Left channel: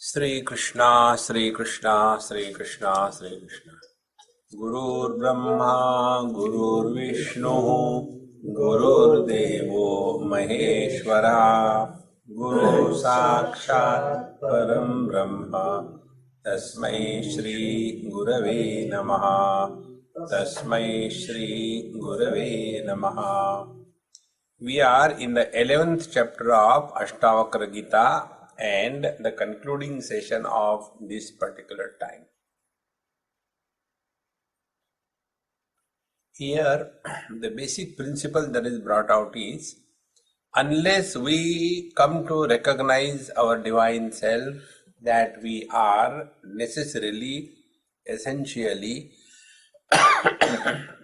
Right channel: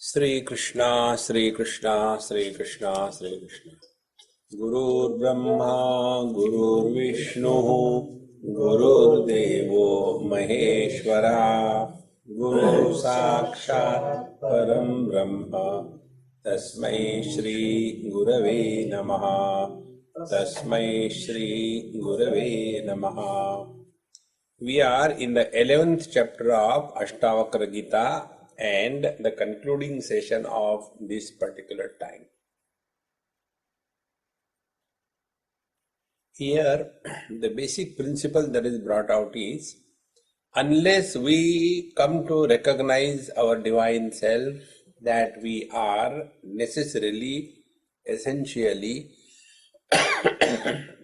Sri Krishna, Sri Krishna, Sri Krishna, Sri Krishna. Gurur Brahma, Gurur Vishnu, Gurur Devo Maheshwara, Guru Sakshat Param Brahma, Tasmai Shri Gurave Namaha, Tasmai Shri Gurave Namaha. We are in the 11th chapter of Ashtavakra Gita and the concluding session of this particular time. Here, the basic principle that is brought out is, unless we come to recognize our divine self, that we are necessarily, essentially,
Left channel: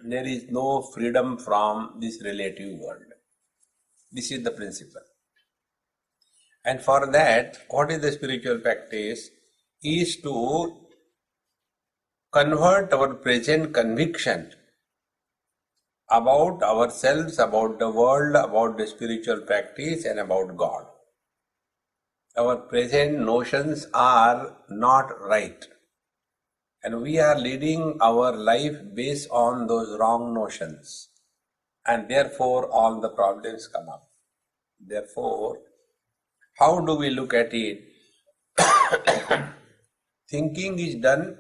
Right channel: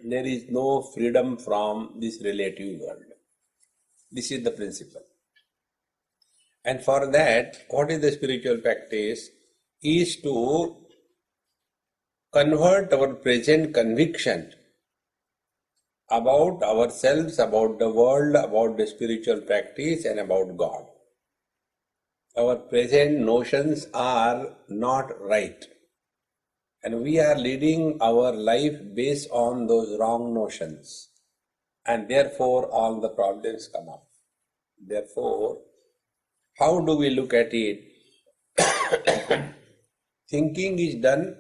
there is no freedom from this relative world. This is the principle. And for that, what is the spiritual practice? Is to convert our present conviction about ourselves, about the world, about the spiritual practice, and about God. Our present notions are not right. And we are leading our life based on those wrong notions. And therefore, all the problems come up. Therefore, how do we look at it? Thinking is done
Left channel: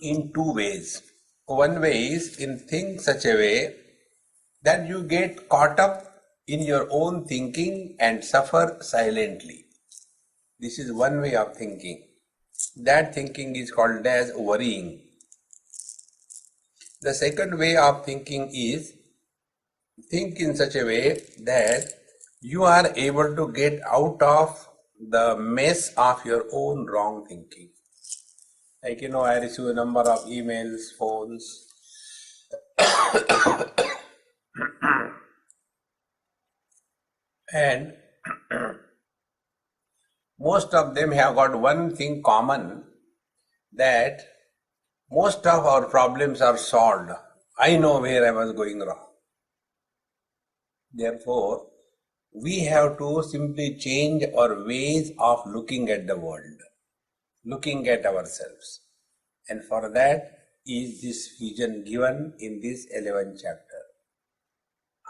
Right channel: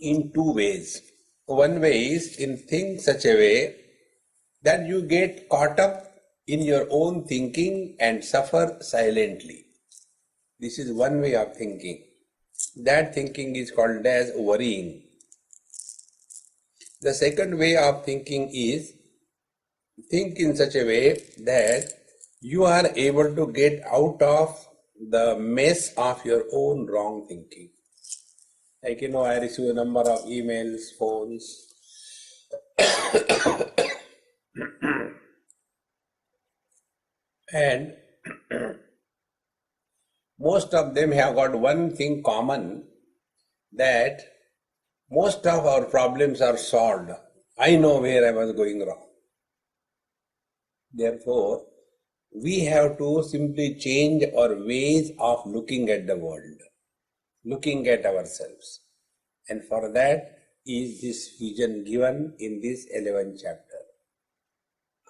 in two ways. One way is in think such a way that you get caught up in your own thinking and suffer silently. This is one way of thinking. That thinking is called as worrying. The second way of thinking is think in such a way that you are able to get out of the mess of your own wrong thinking. Like, I receive a number of emails, phones, and most of them have got one thing common, that most of our problems are solved. I know where I was going wrong. Therefore, we have to simply change our ways of looking at the world, looking at ourselves. And for that is this vision given in this 11th chapter.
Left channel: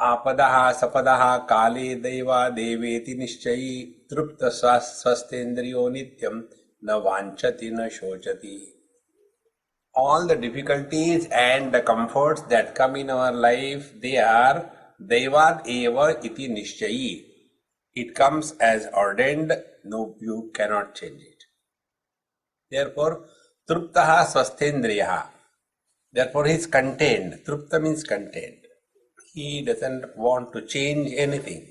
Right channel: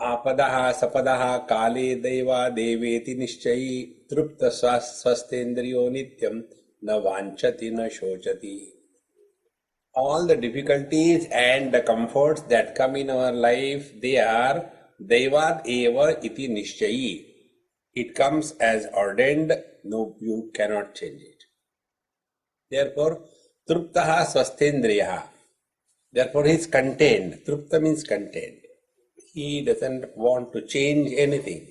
Apadaha sapadaha kale deva deveti nishchayi trupta swastendriyo nityam na vanchati na shochati. All the difficulties and the comforts that come in our life, they are devad eva iti nishchayi. It comes as ordained, no, you cannot change it. Therefore, truptaha swastendriyaha. Therefore, he is contained. Trupta means contained. He doesn't want to change anything.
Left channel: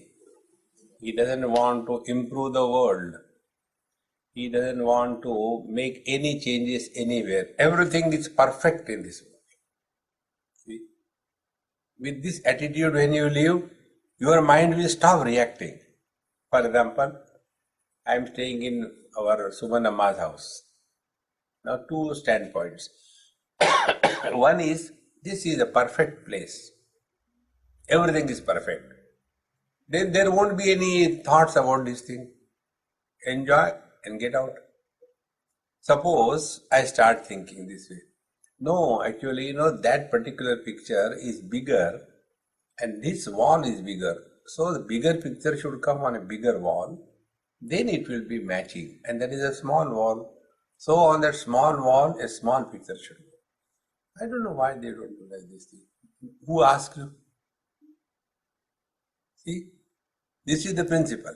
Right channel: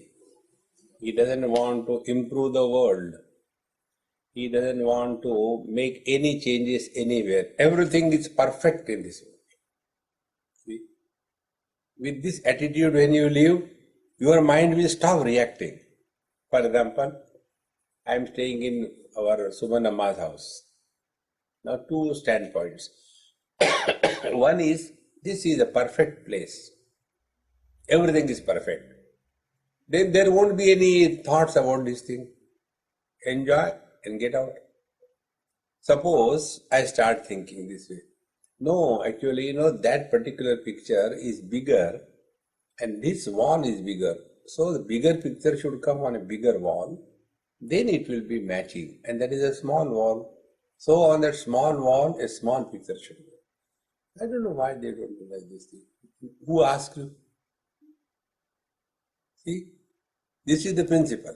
He doesn't want to improve the world. He doesn't want to make any changes anywhere. Everything is perfect in this world. See? With this attitude, when you live, your mind will stop reacting. For example, I am staying in our Sumanamma's house. Now, two standpoints. One is, this is a perfect place. Everything is perfect. Then there won't be any thoughts about this thing. Enjoy and get out. Suppose I start thinking this way. No, actually, that particular picture is bigger and this wall is bigger. So the bigger picture should come on a bigger wall. Then it will be matching. And that is a small wall. So on that small wall, a small picture should go. I don't know why they don't do like this thing. Who asked you? See, this is the principle.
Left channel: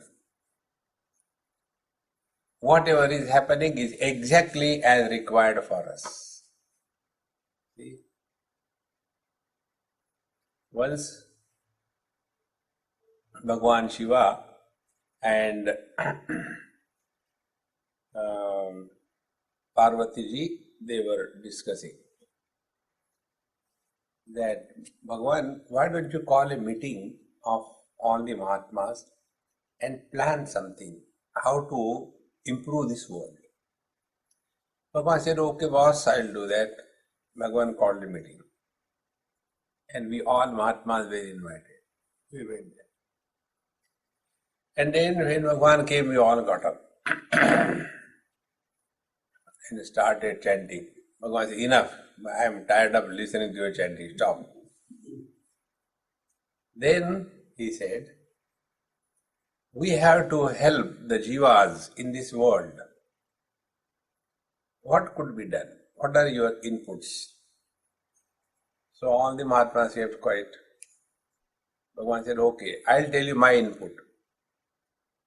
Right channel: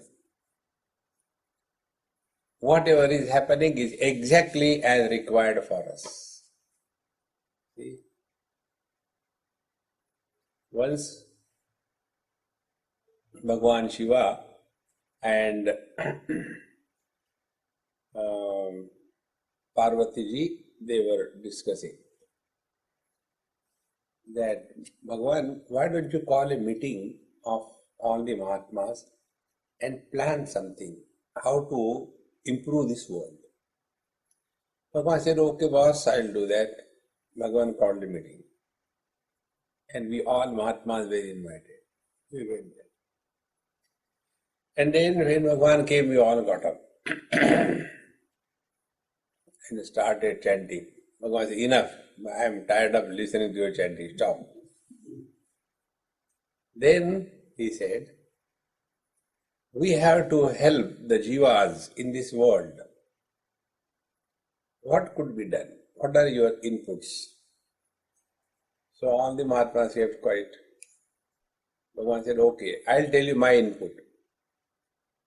Whatever is happening is exactly as required for us. See? Once Bhagwan Shiva and Parvati ji, they were discussing that, Bhagwan, why don't you call a meeting of all the Mahatmas and plan something, how to improve this world. Bhagwan said, okay boss, I'll do that. Bhagwan called a meeting. And we all Mahatmas were invited. We went there. And then when Bhagwan came, we all got up. and started chanting. Bhagavan said, enough, I am tired of listening to your chanting, stop. Then he said, we have to help the jivas in this world. What could be done? What are your inputs? So all the Mahatmas kept quiet. Bhagavan said, okay, I'll tell you my input.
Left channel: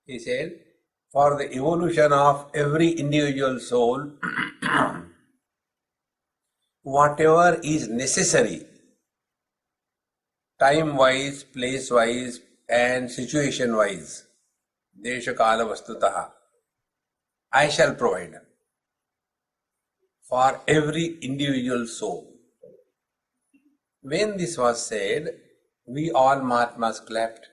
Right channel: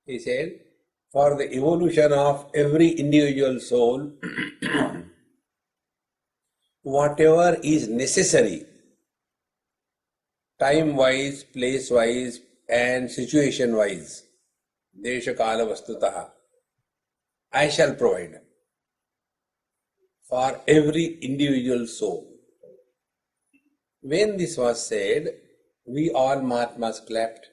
He said, for the evolution of every individual soul, whatever is necessary, time-wise, place-wise, and situation-wise, desha kala vastutaha, I shall provide for every individual soul. When this was said, we all Mahatmas clapped.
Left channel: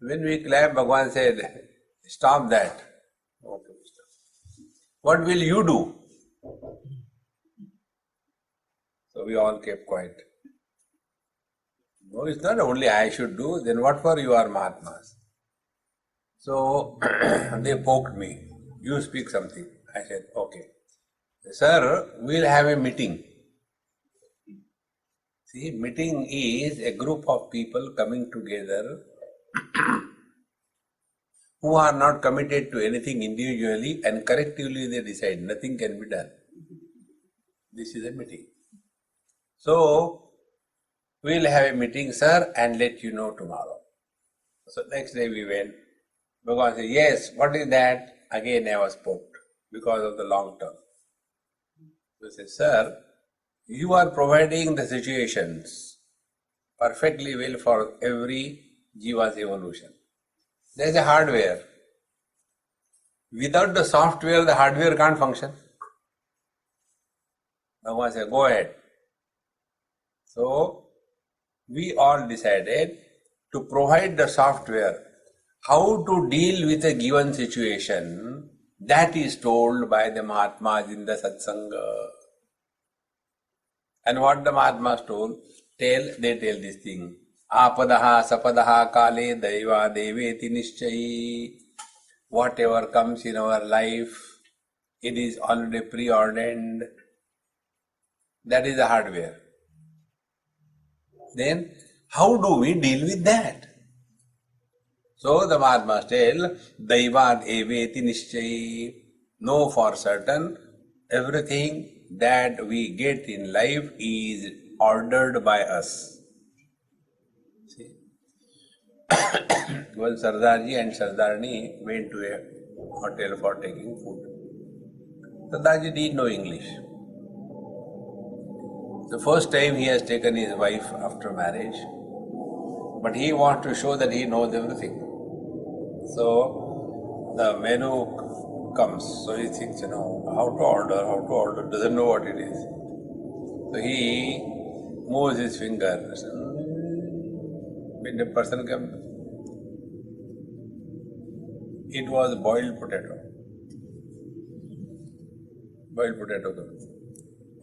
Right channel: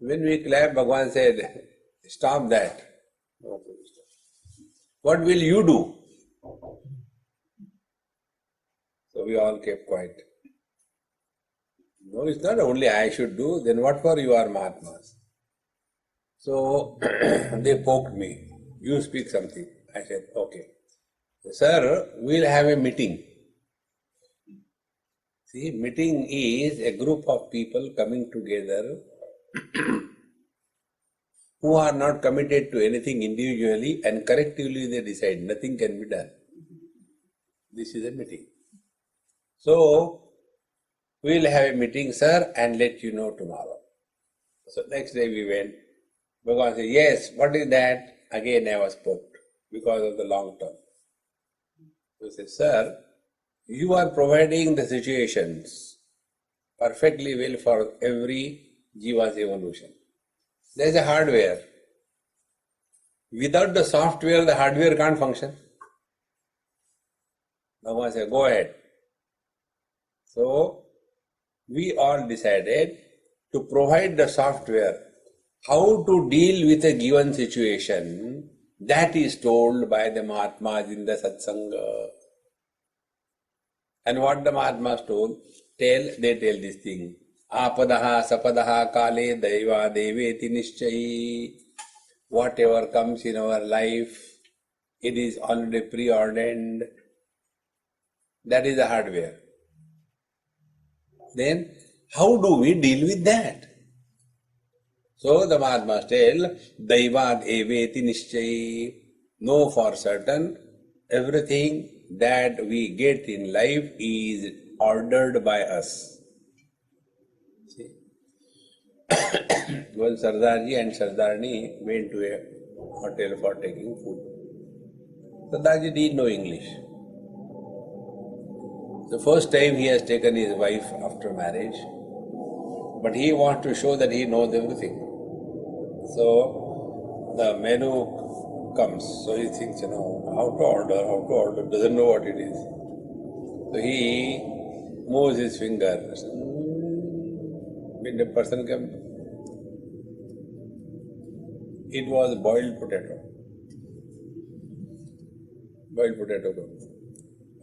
When we clapped, Bhagavan said, stop that. Okay, stop. What will you do? So we all kept quiet. No, it's not only I should do, then what for you are Mahatmas? So they poked me. You speak something. I said, okay. Sir, we'll have a meeting. See, meeting is a group of people coming together who are not committed to anything individually and collectively they decide nothing can be done. This is a meeting. So, we'll have a meeting, sir, and let you know tomorrow. So, next day we went. Bhagavan said, yes, what is that? Again I was poked because of the long term. So, he said, sir, you are providing the situations perfectly well for every jiva's evolution. There is a hardware. Without the software, the hardware can't function. Bhagavan said, go ahead. So, we all decided to provide the software. How to deal with a given situation, that is told by the Mahatmas in the Satsanga. And what the Mahatmas told, they tell this thing. Apadaha sapadaha kale daiva deveti nishchayi. Whatever comes in our life, it is already preordained. That is the hardware. Then, how do we deal with that? So the Mahatmas tell, Daivad eveti nishchayi. Know for certain, everything that we get in life is ordered by us. See? When Sardarji and Sardarni went to a hotel for taking food, Sardarji didn't know English. The first time he has taken his wife after marriage, but he wants to show that he knows everything. So the menu comes, so he thinks, how to order, doesn't know what it is. So he moves his finger. When the person comes, it was boiled potato. Boiled potato comes.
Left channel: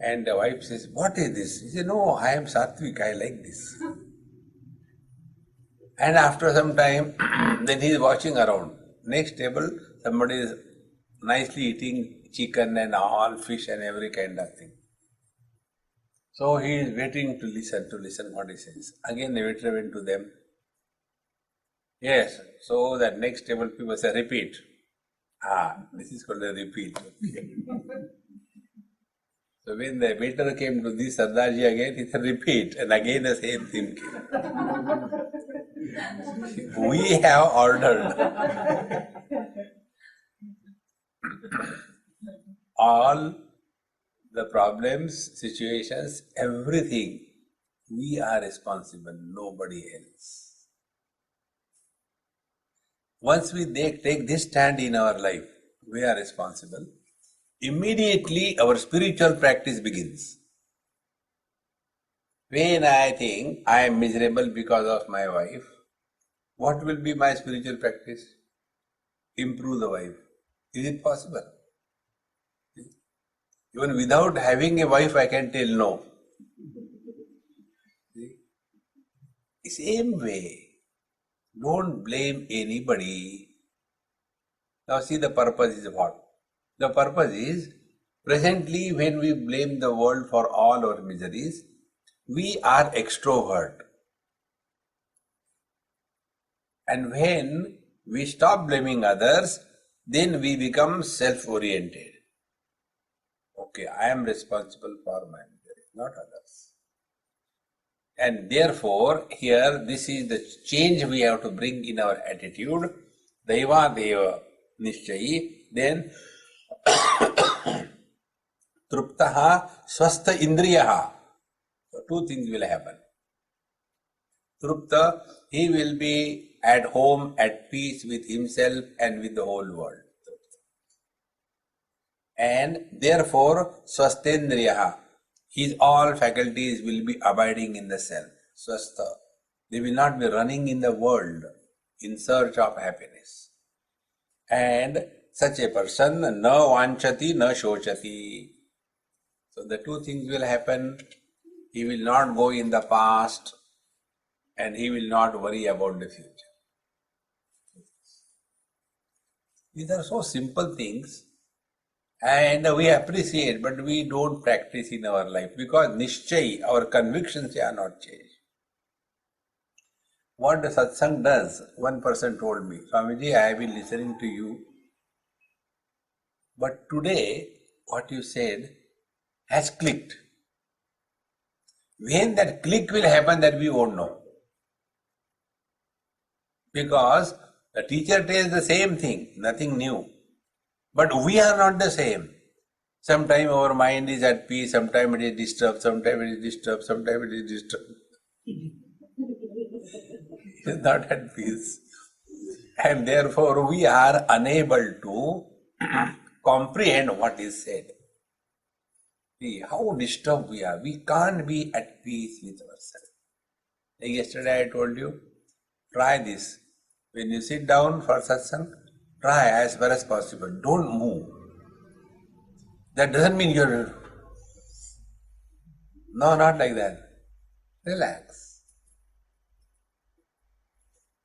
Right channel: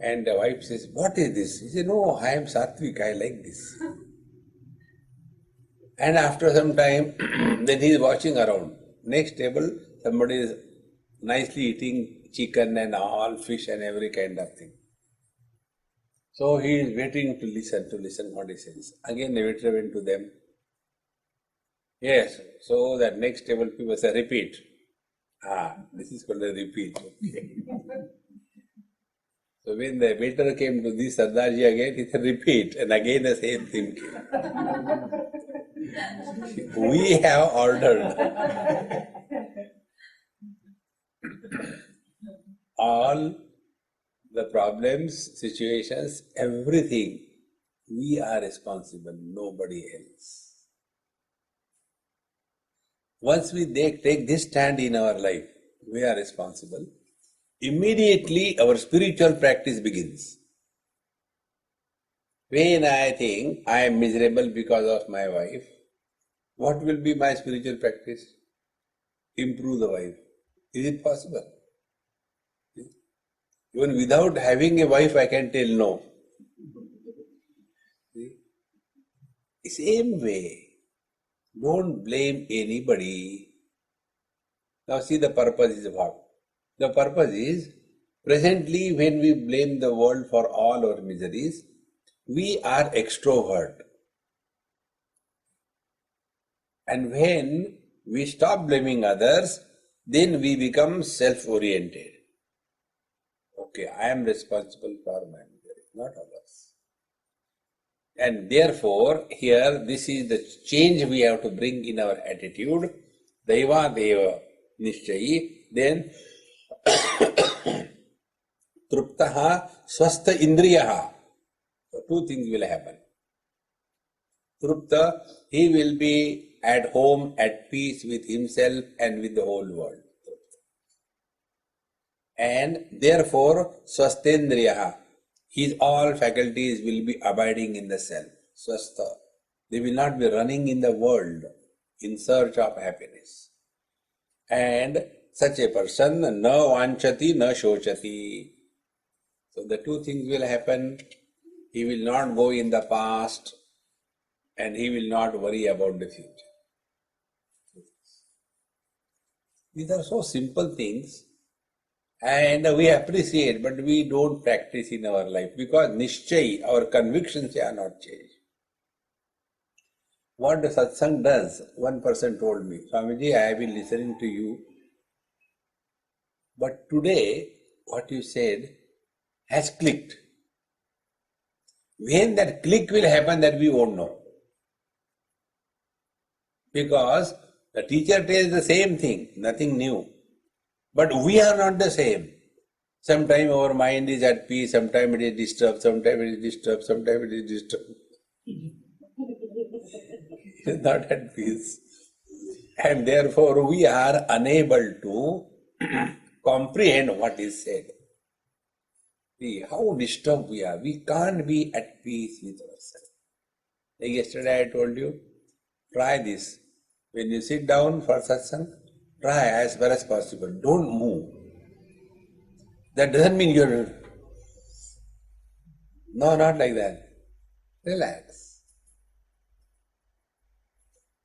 And the wife says, what is this? He said, no, I am Satvik, I like this. And after some time, then he is watching around. Next table, somebody is nicely eating chicken and all, fish and every kind of thing. So he is waiting to listen what he says. Again the waiter went to them. Yes, so that next table people say, repeat. This is called a repeat. Okay. So when the waiter came to this Sardarji again, he said, repeat. And again the same thing came. We have ordered all the problems, situations, everything. We are responsible, nobody else. Once we take this stand in our life, we are responsible. Immediately our spiritual practice begins. When I think I am miserable because of my wife, what will be my spiritual practice? Improve the wife. Is it possible? Even without having a wife, I can tell no. The same way, don't blame anybody. Now see, the purpose is what? The purpose is, presently when we blame the world for all our miseries, we are extrovert. And when we stop blaming others, then we become self-oriented. Okay, I am responsible for my misery, not others. And therefore, here, this is the change we have to bring in our attitude. Daiva Deva Nishchayi, then Truptaha Swastha Indriyaha. So two things will happen. Trupta, he will be at home, at peace with himself and with the whole world. And therefore, Swastendriyaha, his all faculties will be abiding in the self. Swastha. They will not be running in the world in search of happiness. And such a person, na vanchati, na shochati. So the two things will happen. He will not go in the past and he will not worry about the future. These are so simple things and we appreciate, but we don't practice in our life because nishchay, our convictions are not changed. What the satsang does, one person told me, Swamiji, I have been listening to you, but today what you said has clicked. When that click will happen, that we won't know. Because the teacher tells the same thing, nothing new. But we are not the same. Sometimes our mind is at peace, sometimes it is disturbed, sometimes it is disturbed, sometimes it is disturbed. It is not at peace. And therefore we are unable to comprehend what is said. See how disturbed we are. We can't be at peace with ourselves. Like yesterday I told you, try this. When you sit down for satsang, try as far as possible. Don't move. That doesn't mean you're... No, not like that. Relax.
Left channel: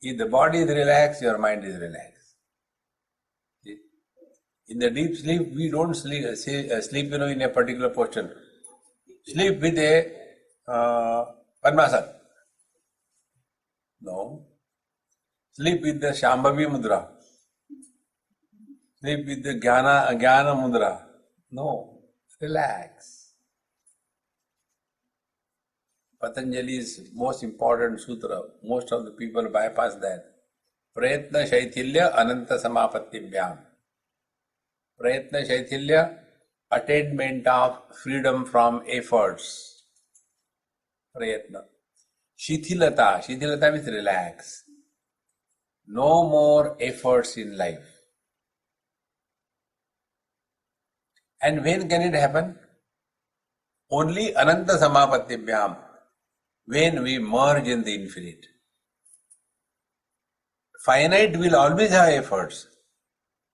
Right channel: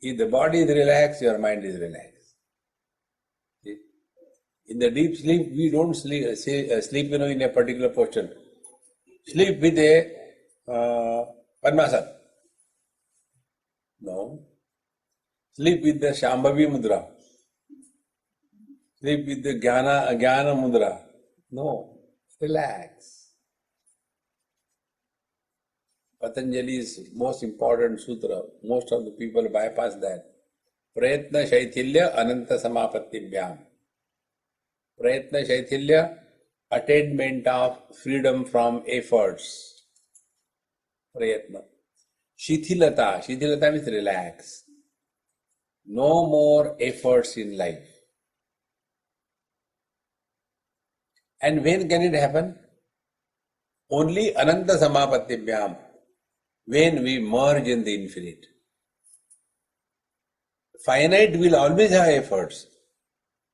If the body is relaxed, your mind is relaxed. See? In the deep sleep, we don't sleep in a particular position. Sleep with a Padmasana. No. Sleep with the Shambhavi Mudra. Sleep with the Jnana Mudra. No. Relax. Patanjali's most important sutra, most of the people bypass that. Prayatna Shaithilya Ananta Samapatibhyam. Prayatna Shaithilya, attainment of freedom from efforts. Prayatna. Shithilata. Shithilata means relax. No more efforts in life. And when can it happen? Only Ananta Samapatibhyam. When we merge in the infinite. Finite will always have efforts.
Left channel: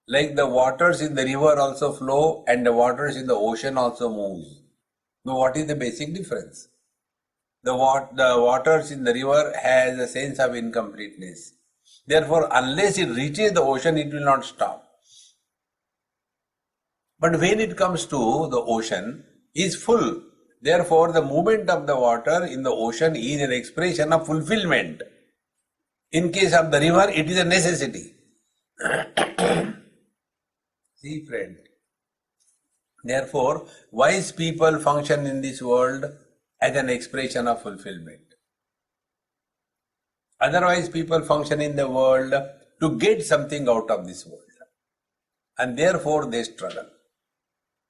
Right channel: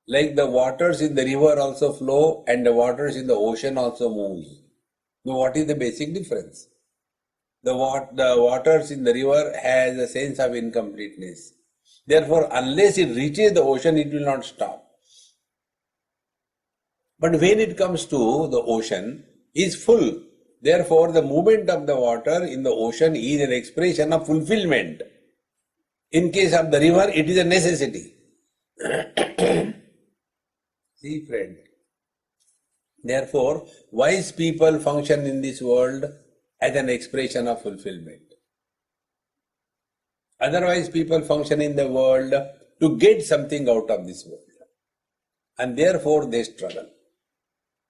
Like the waters in the river also flow and the waters in the ocean also move. Now what is the basic difference? The waters in the river has a sense of incompleteness. Therefore, unless it reaches the ocean, it will not stop. But when it comes to the ocean, it is full. Therefore, the movement of the water in the ocean is an expression of fulfillment. In case of the river, it is a necessity. See, friend. Therefore, wise people function in this world as an expression of fulfillment. Otherwise, people function in the world to get something out of this world. And therefore, they struggle.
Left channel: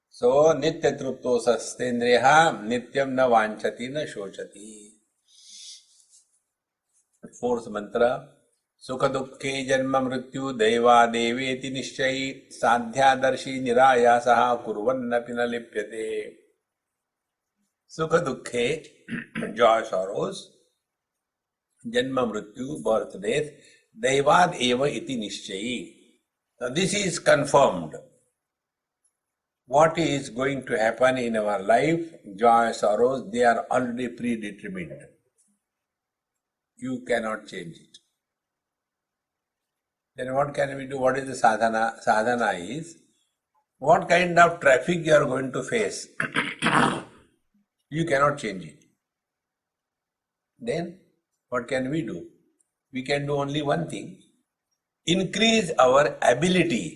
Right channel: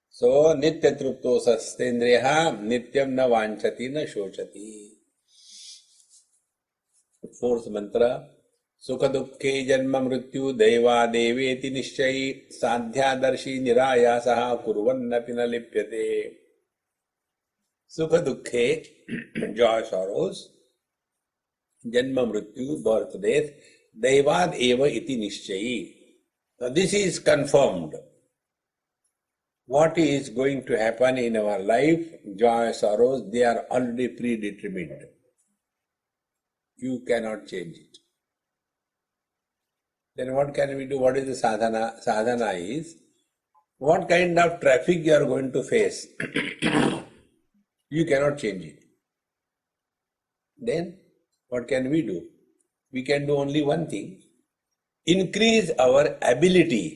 So, nitya trupto sastendriyaha nityam na vanchati na shochati. Fourth mantra. Sukha dukkhe janma mrityu deva deveti nishchayi sadhyadarshi nirayasaha kurvannapi na lipyate. Sukha dukkhe, joy, sorrows, janma mrityu, birth, death, devad eva iti nishchayi. Now this is confirmed. What is going to happen in our life, joy, sorrows, they are already predetermined. You cannot change it. Then what can we do? What is the sadhana? Sadhana is, what kind of traffic you are going to face, you cannot change it. Then what can we do? We can do only one thing: increase our ability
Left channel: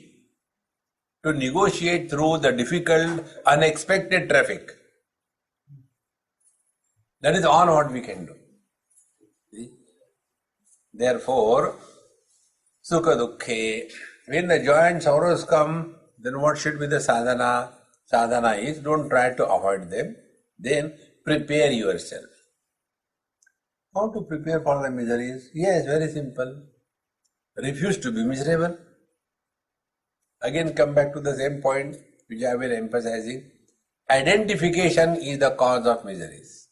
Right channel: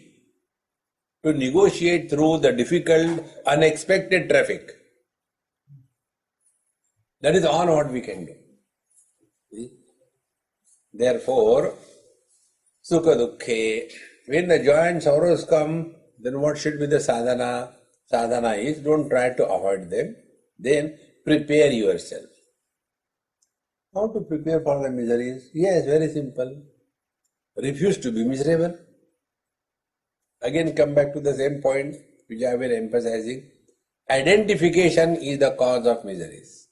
to negotiate through the difficult, unexpected traffic. That is all what we can do. See? Therefore, sukha dukkhe, when the joy and sorrows come, then what should be the sadhana? Sadhana is, don't try to avoid them, then prepare yourself. How to prepare for the miseries? Yes, very simple. Refuse to be miserable. Again, come back to the same point which I have been emphasizing. Identification is the cause of miseries.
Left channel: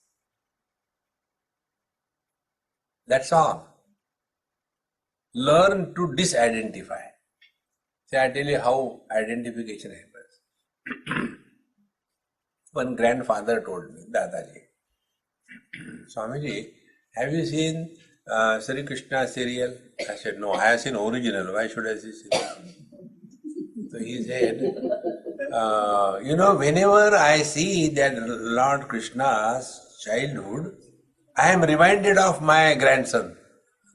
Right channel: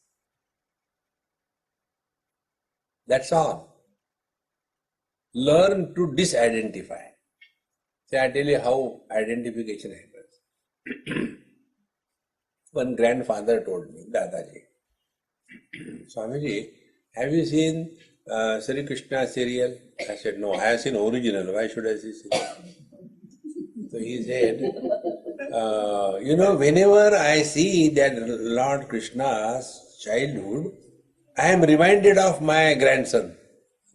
That's all. Learn to disidentify. See, I tell you how identification happens. One grandfather told me, Dadaji, Swamiji, have you seen Sri Krishna serial? I said, no, I have seen original. Why should I see serial? So he said, whenever I see that Lord Krishna's childhood, I am reminded of my grandson.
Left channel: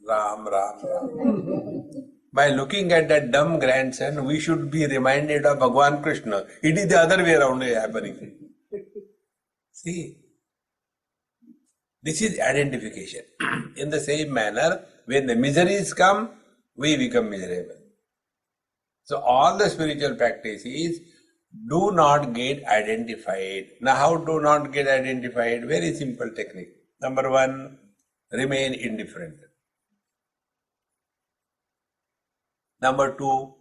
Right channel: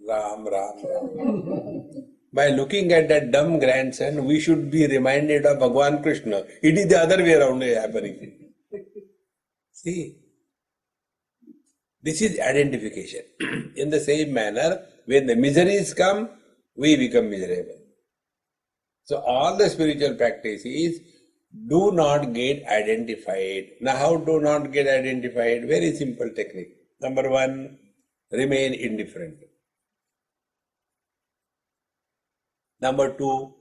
Ram, Ram, Ram. By looking at that dumb grandson, we should be reminded of Bhagwan Krishna. It is the other way around happening. See, this is identification. In the same manner, when the miseries come, we become miserable. So all the spiritual practices do not get identified. Now how to not get identified? Very simple technique. Number one, remain indifferent. Number two,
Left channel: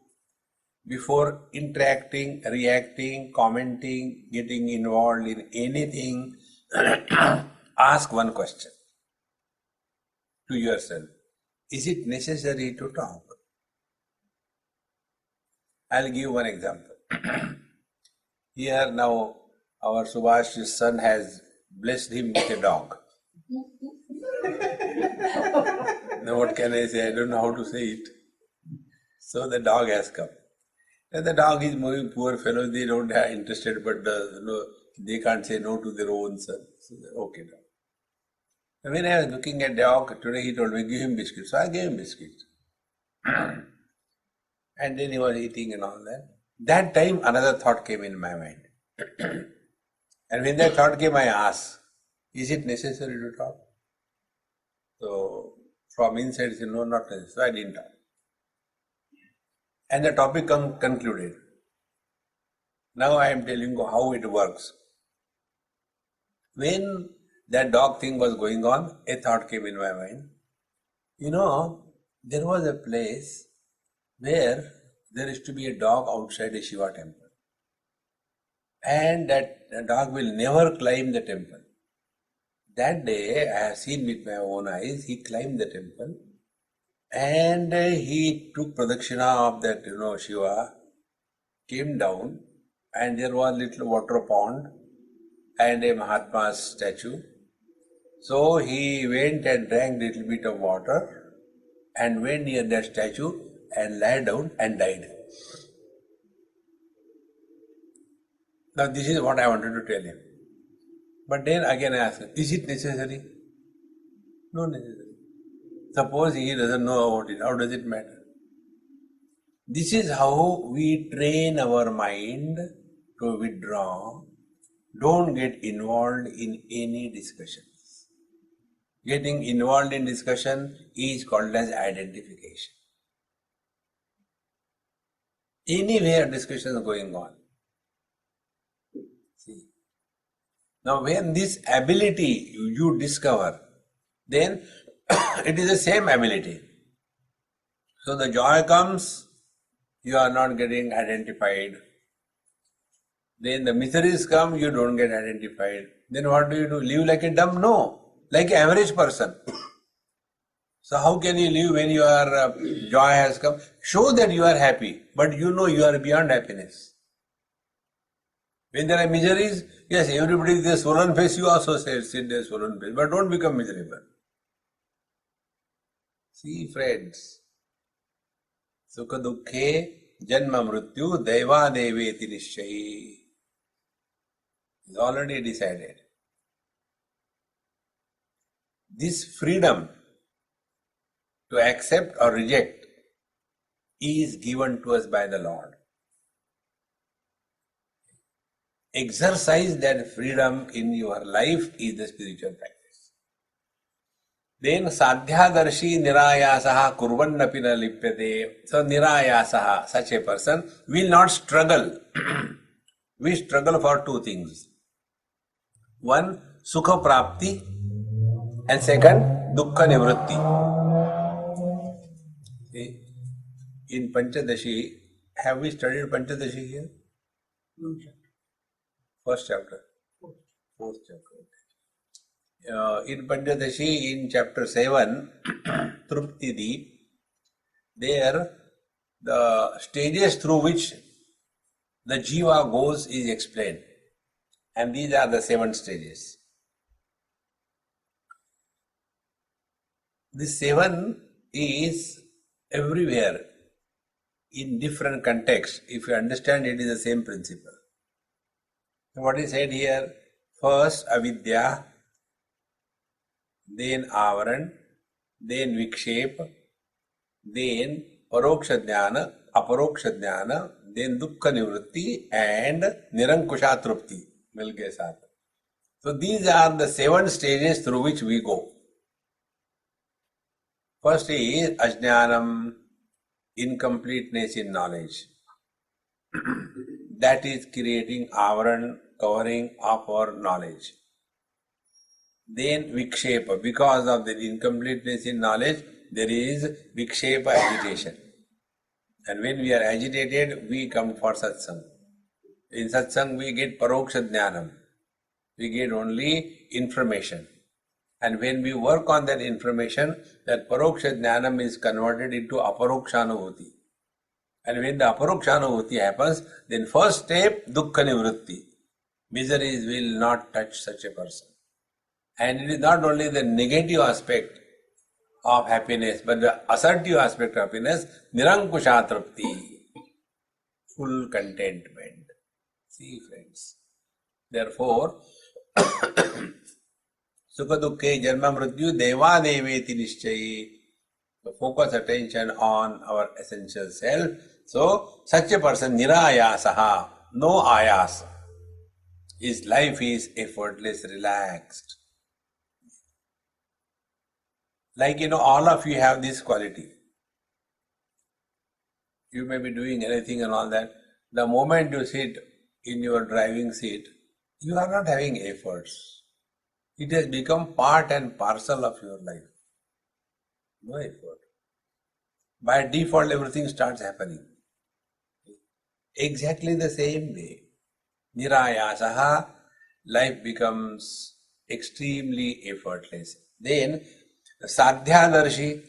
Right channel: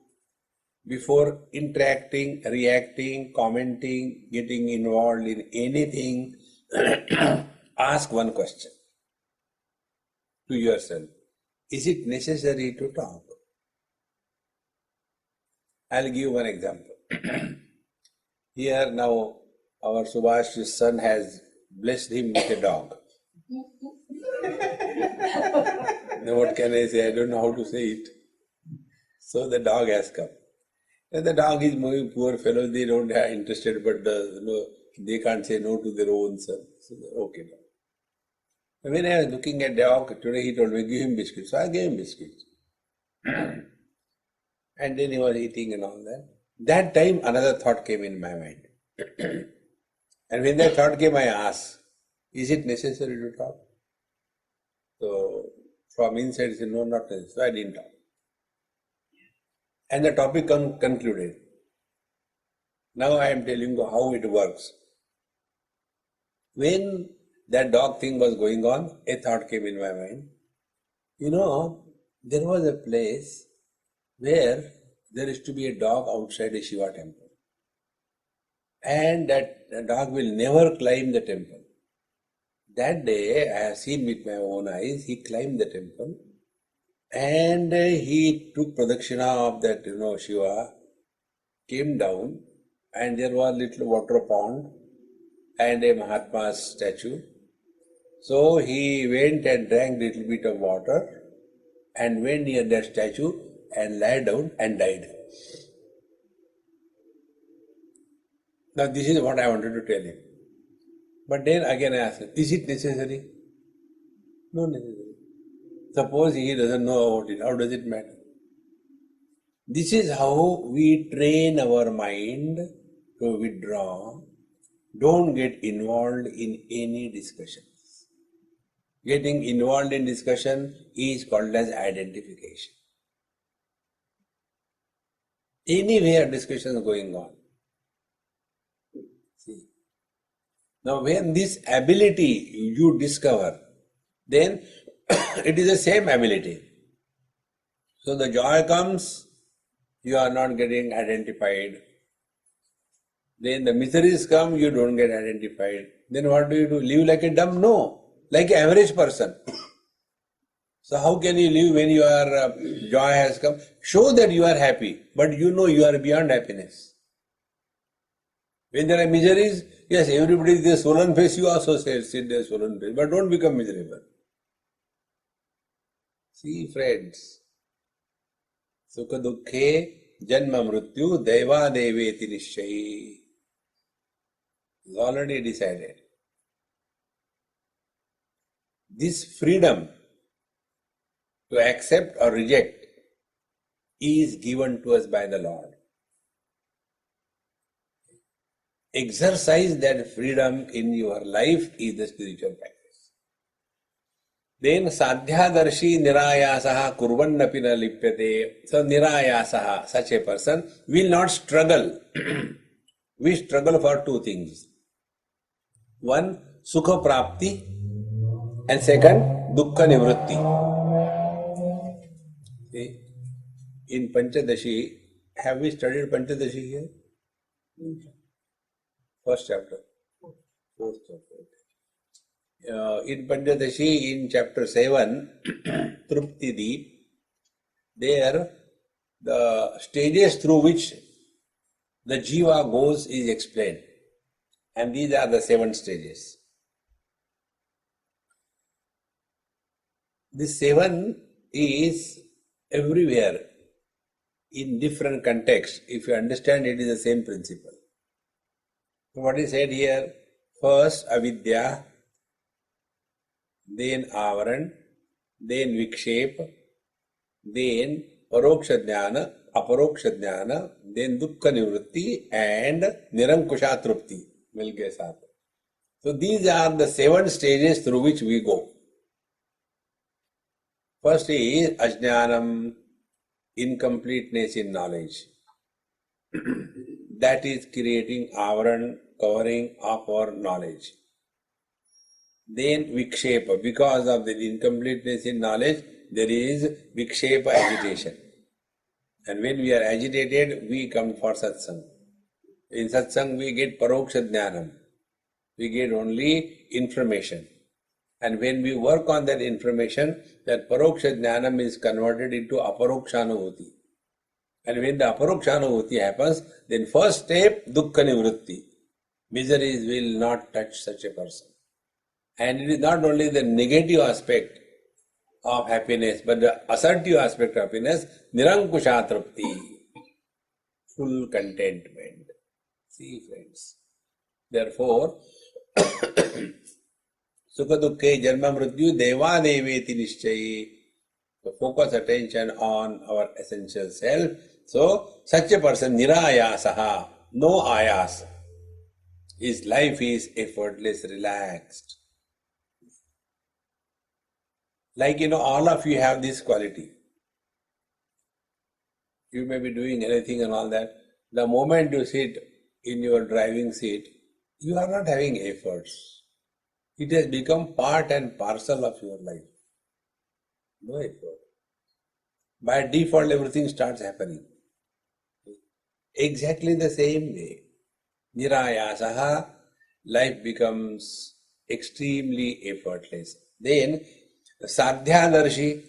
before interacting, reacting, commenting, getting involved in anything, ask one question to yourself. Is it necessary to talk? I'll give one example. Here now, our Subhash's son has blessed him with a dog. Now what can I say? I don't know how to say it. So the dog has come. And the dog is moving, poor fellows, they don't have interested, but they can't say no to their own son. So okay, dog. And when I was looking at the dog, today he told me, give him biscuits. So I gave him biscuits. And then he was eating and all that. That time another thought came in my mind. And when that thought came, I asked, is it necessary to talk? So from inside, he said, no, not necessary. So I didn't talk. And the topic concluded. Now I am telling you how it works. When that dog thing was going on, a thought came in my mind. There was a place where there used to be a dog outside a Shiva temple. And that dog will never climb the temple. That day, I have seen with my own eyes, he climbed the temple and he took pradakshina of that, Shiva, came down, and there was a little water pond and a Mahatma's statue. So he went and drank a little bit of water and went near that statue and lay down and died. Now this is what I wanted to tell him. But then again I asked him, is it necessary? No necessary. Suppose he doesn't know about it, how does it matter? This is how we train our mind to withdraw. Don't get involved in any discussions. Getting involved in discussion is called as identification. Anywhere discussion is going on. See. Now when this ability you discover, then it is the same ability. So the joy comes, you are not getting identified. Then the miseries come, you don't get identified. Then what do? Live like a dumb? No, like an average person. So how can you live when your joy has come? Show that you are happy, but you are beyond happiness. When there are miseries, yes, everybody is a swollen face, you also sit there swollen face, but don't become miserable. See friends, sukha dukkhe Janma Mrityu Deva Deveti Nishchayi. Is already decided. This freedom to accept or reject is given to us by the Lord. Exercise that freedom in your life is the spiritual practice. Then sadhyadarshi nirayasaha kurvannapi na lipyate. So nirayasaha, such a person will not struggle. We struggle for two things. One, sukha prapti, and second, dukkha nivritti. See, in Panchadashi, have we studied Panchadashi here? First chapter. Fourth chapter. In Panchadashi, in chapter 7, Truptidi, there the stages through which the jiva goes is explained. And these are the 7 stages. This 7 is everywhere in different contexts. If you understand, it is the same principle. So what is said here? First avidya, then avaran, then vikshep, then paroksha jnana, aparoksha jnana, then dukkha nivritti and nirankusha trupti. So these are the 7 stages through which we go. First is ajnanam, incompleteness in knowledge. That is creating avaran, covering of our knowledge. Then vikshepa, because of the incompleteness in knowledge, there is vikshepa, agitation. And when we are agitated, we come for satsang. In satsang, we get paroksha jnanam. We get only information. And when we work on that information, that paroksha jnanam is converted into aparokshanubhuti. And when the aparokshanubhuti happens, then first step, dukkha nivritti. Miseries will not touch such a person. And it is not only the negative aspect of happiness, but the assertive aspect of happiness, nirankusha trupti, full contentment. See, friends. Therefore, sukha dukkhe janma mrityu deva deveti nishchayi. So focus attention on our essential self. So such a person, nirayasaha, no ayas. His life is effortless, relaxed. Like, all of you have this quality. You may be doing anything and all that. The moment you sit in your driving seat, you are not having efforts. It has become part and parcel of your life. No effort. By default, everything starts happening. Exactly the same way. Nirayasaha, life becomes extremely effortless. Then, sadhyadarshi.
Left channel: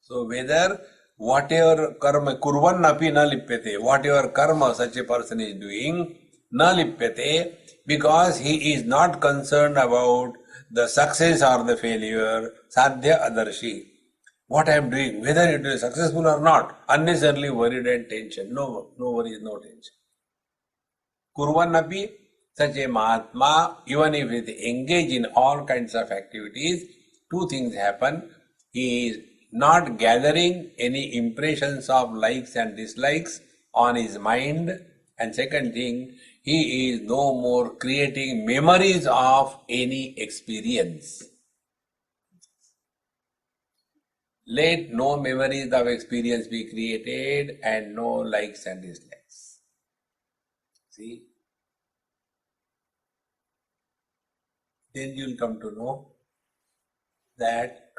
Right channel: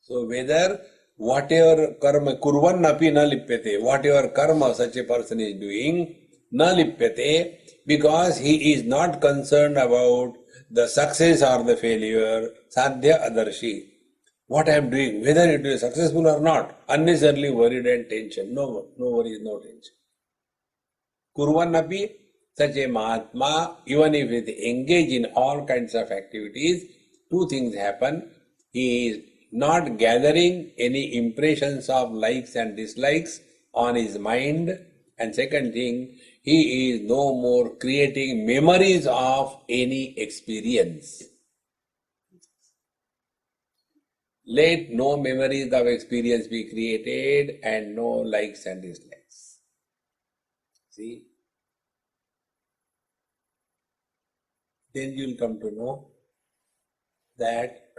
So whether whatever karma, kurvan api na lipyate, whatever karma such a person is doing, na lipyate, because he is not concerned about the success or the failure, sadhya adarshi. What I am doing, whether it is successful or not, unnecessarily worried and tension. No worries, no tension. Kurvan api, such a Mahatma, even if he engage in all kinds of activities, 2 things happen. He is not gathering any impressions of likes and dislikes on his mind. And second thing, he is no more creating memories of any experience. Let no memories of experience be created and no likes and dislikes. See? Then you will come to know that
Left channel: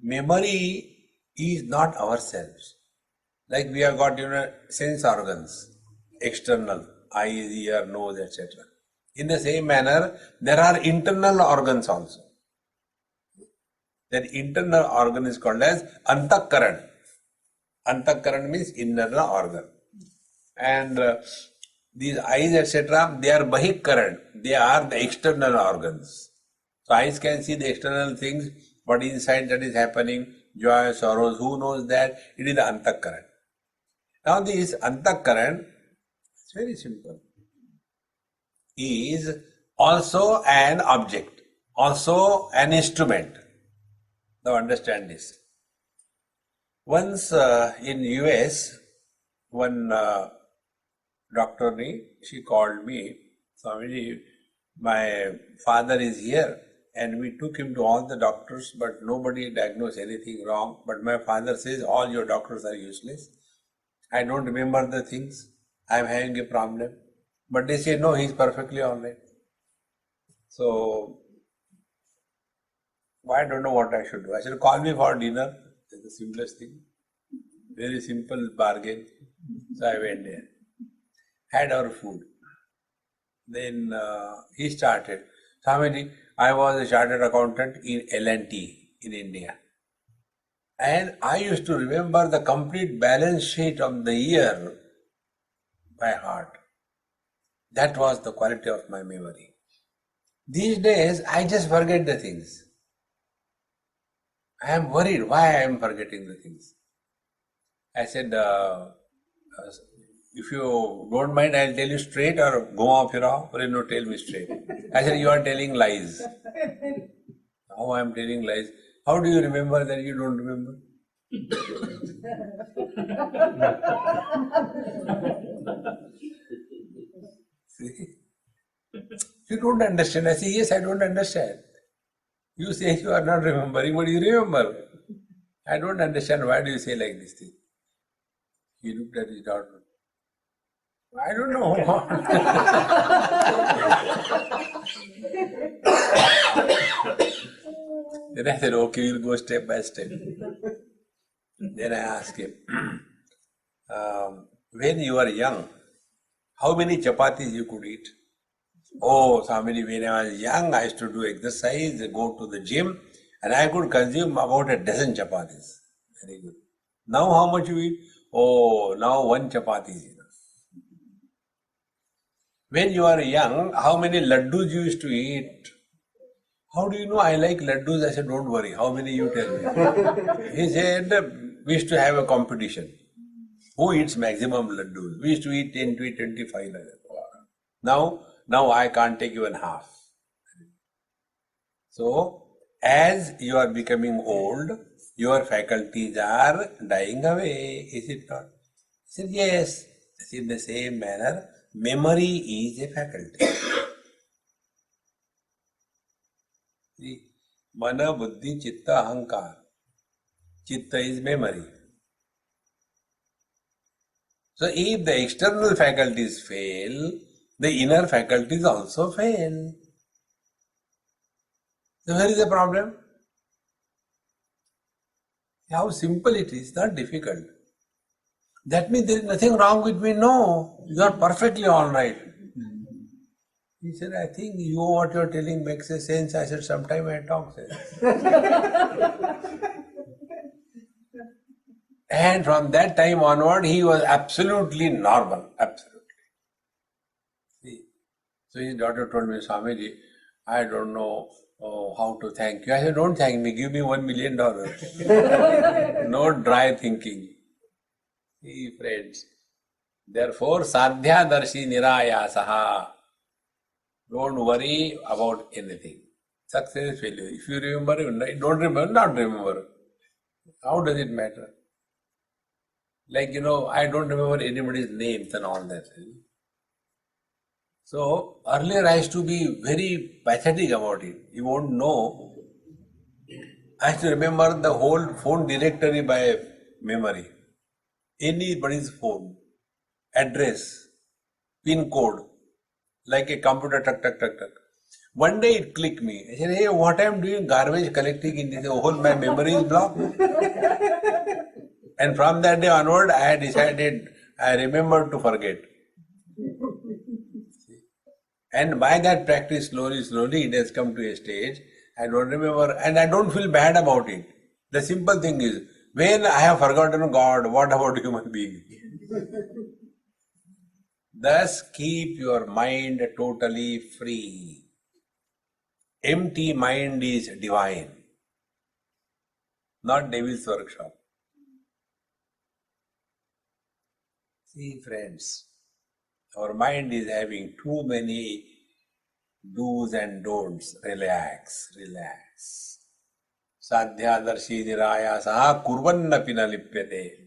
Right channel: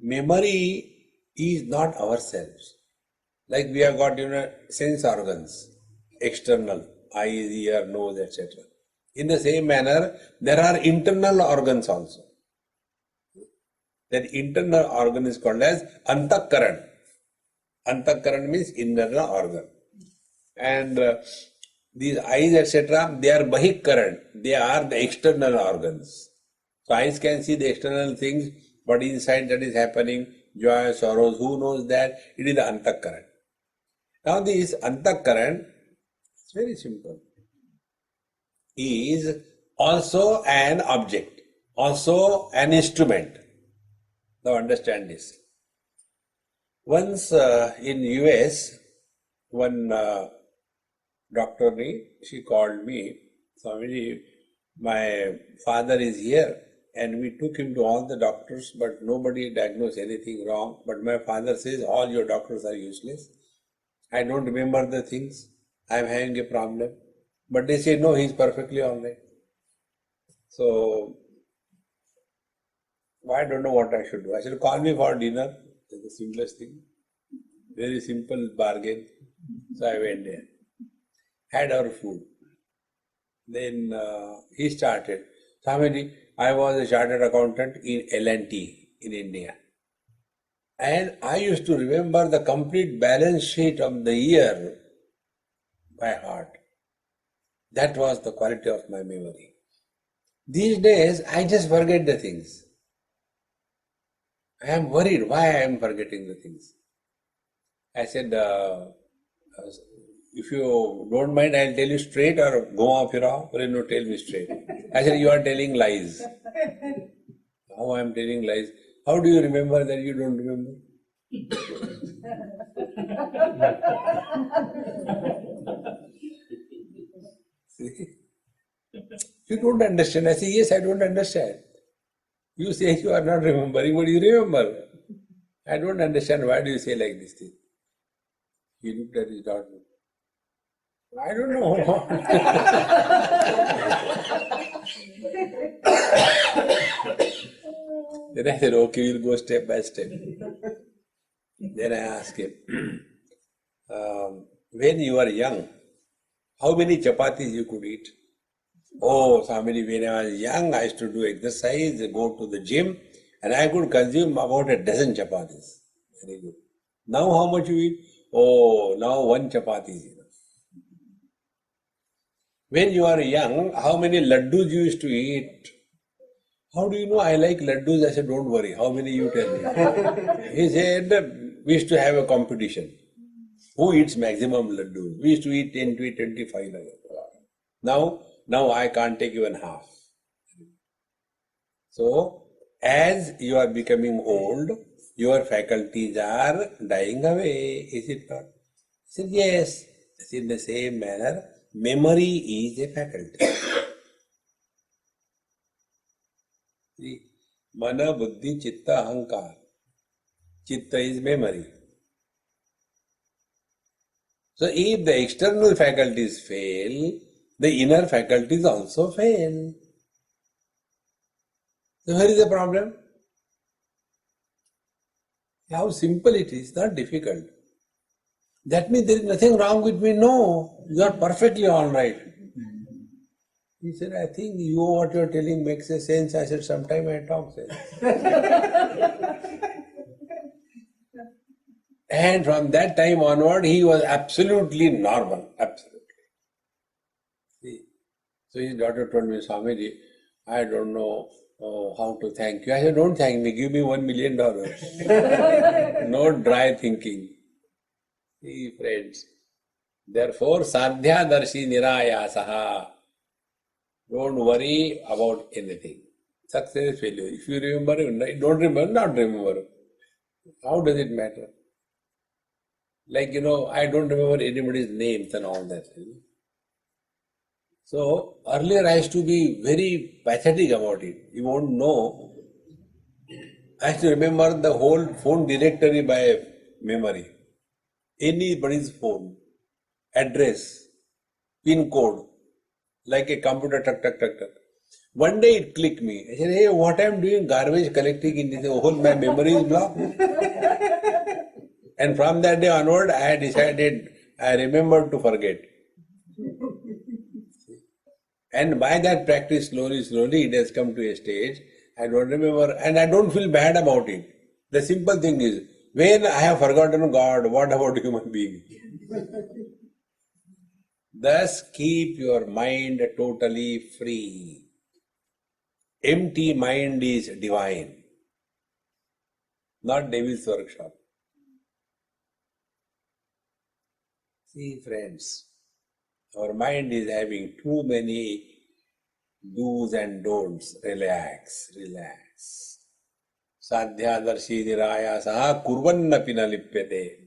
memory is not ourselves. Like we have got, sense organs, external, eyes, ear, nose, etc. In the same manner, there are internal organs also. That internal organ is called as antakaran. Antakaran means internal organ. And these eyes, etc., they are bahikaran. They are the external organs. So eyes can see the external things, but inside that is happening, joy, sorrows, who knows that? It is the antakaran. Now this antakaran, it's very simple, is also an object, also an instrument. Now understand this. Once in US, one doctor, she called me, Swami, my father is here, and we took him to all the doctors, but nobody diagnosed anything wrong. But my father says all your doctors are useless. I don't remember the things. I am having a problem. But they say no, he's perfectly all right. So I don't know what I should do. I said, call me for dinner. That's the simplest thing. Very simple bargain. So I went there, had our food. Then he started. Swamiji, I was a chartered accountant in L&T in India. And I used to remember the complete balance sheet of the year by heart. That was the quality of my memory. These days, I just forget the things. I am worried why I am forgetting the things. I said, if you don't mind, I'll tell you straight or go off your off, or no, tell me straight. I said, you are telling lies. How I am telling lies? How do you remember that you don't remember? See? You don't understand. I say, yes, I don't understand. You say you are not remembering, but you remember. I don't understand. Why do you say like this thing? He looked at his daughter. I don't know. Then I said, okay, we'll go step by step. Then I asked him, when you were young, how many chapatis you could eat? Oh, Swamiji, when I was young, I used to do exercise, go to the gym, and I could consume about a dozen chapatis. Very good. Now how much you eat? Oh, now one chapati is enough. When you are young, how many laddus you used to eat? How do you know I like laddus? I said, don't worry. How many you tell me? He said, we used to have a competition. Who eats maximum laddus? We used to eat 10, 20, 25 like that. Now I can't take even half. So, as you are becoming old, your faculties are dying away, is it not? He said, yes. In the same manner, memory is a faculty. See, mana, buddhi, chitta, ahankar. Chitta is memory. So if the external faculties fail, the inner faculties also fail. So where is the problem? How simple it is, not difficult. That means there is nothing wrong with me. No, you are perfectly all right. He said, I think what you are telling makes a sense. I said, sometime I talk sense. And from that time onward, he was absolutely normal. Absolutely. See? So his daughter told me, Swamiji, I don't know how to thank you. I said, don't thank me. Give me $1 million. No dry thinking. See, friends. Therefore, sadhya darshi nirayasaha. Don't worry about anything. Success, failure. If you remember, don't remember, not remember. How does it matter? Like, I don't remember anybody's names and all that. So, earlier I used to be very pathetic about it. You won't know. I used to remember the whole phone directory by memory. Anybody's phone, address, pin code, like a computer, tuck, tuck, tuck, tuck. One day it clicked me. I said, hey, what I'm doing, garbage collecting in this whole, my memory is blocked. And from that day onward, I had decided, I remembered to forget. And by that practice, slowly, it has come to a stage, I don't remember, and I don't feel bad about it. The simple thing is, when I have forgotten God, what about human being? Thus, keep your mind totally free. Empty mind is divine, not devil's workshop. See, friends, our mind is having too many do's and don'ts. Relax, relax. Sadhyadarshi nirayasaha kurvannapi na lipyate.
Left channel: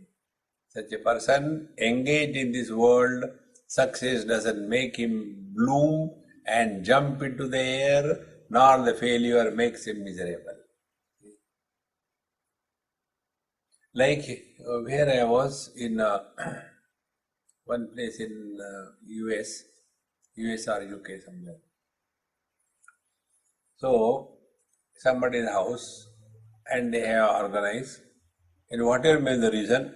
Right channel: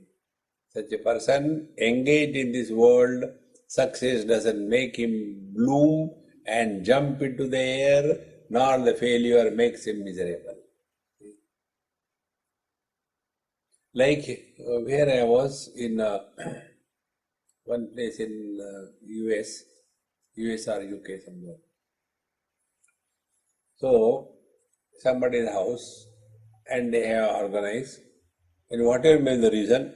Such a person engaged in this world, success doesn't make him bloom and jump into the air, nor the failure makes him miserable. Like where I was in one place in US or UK somewhere. So somebody's house and they have organized, and whatever may the reason,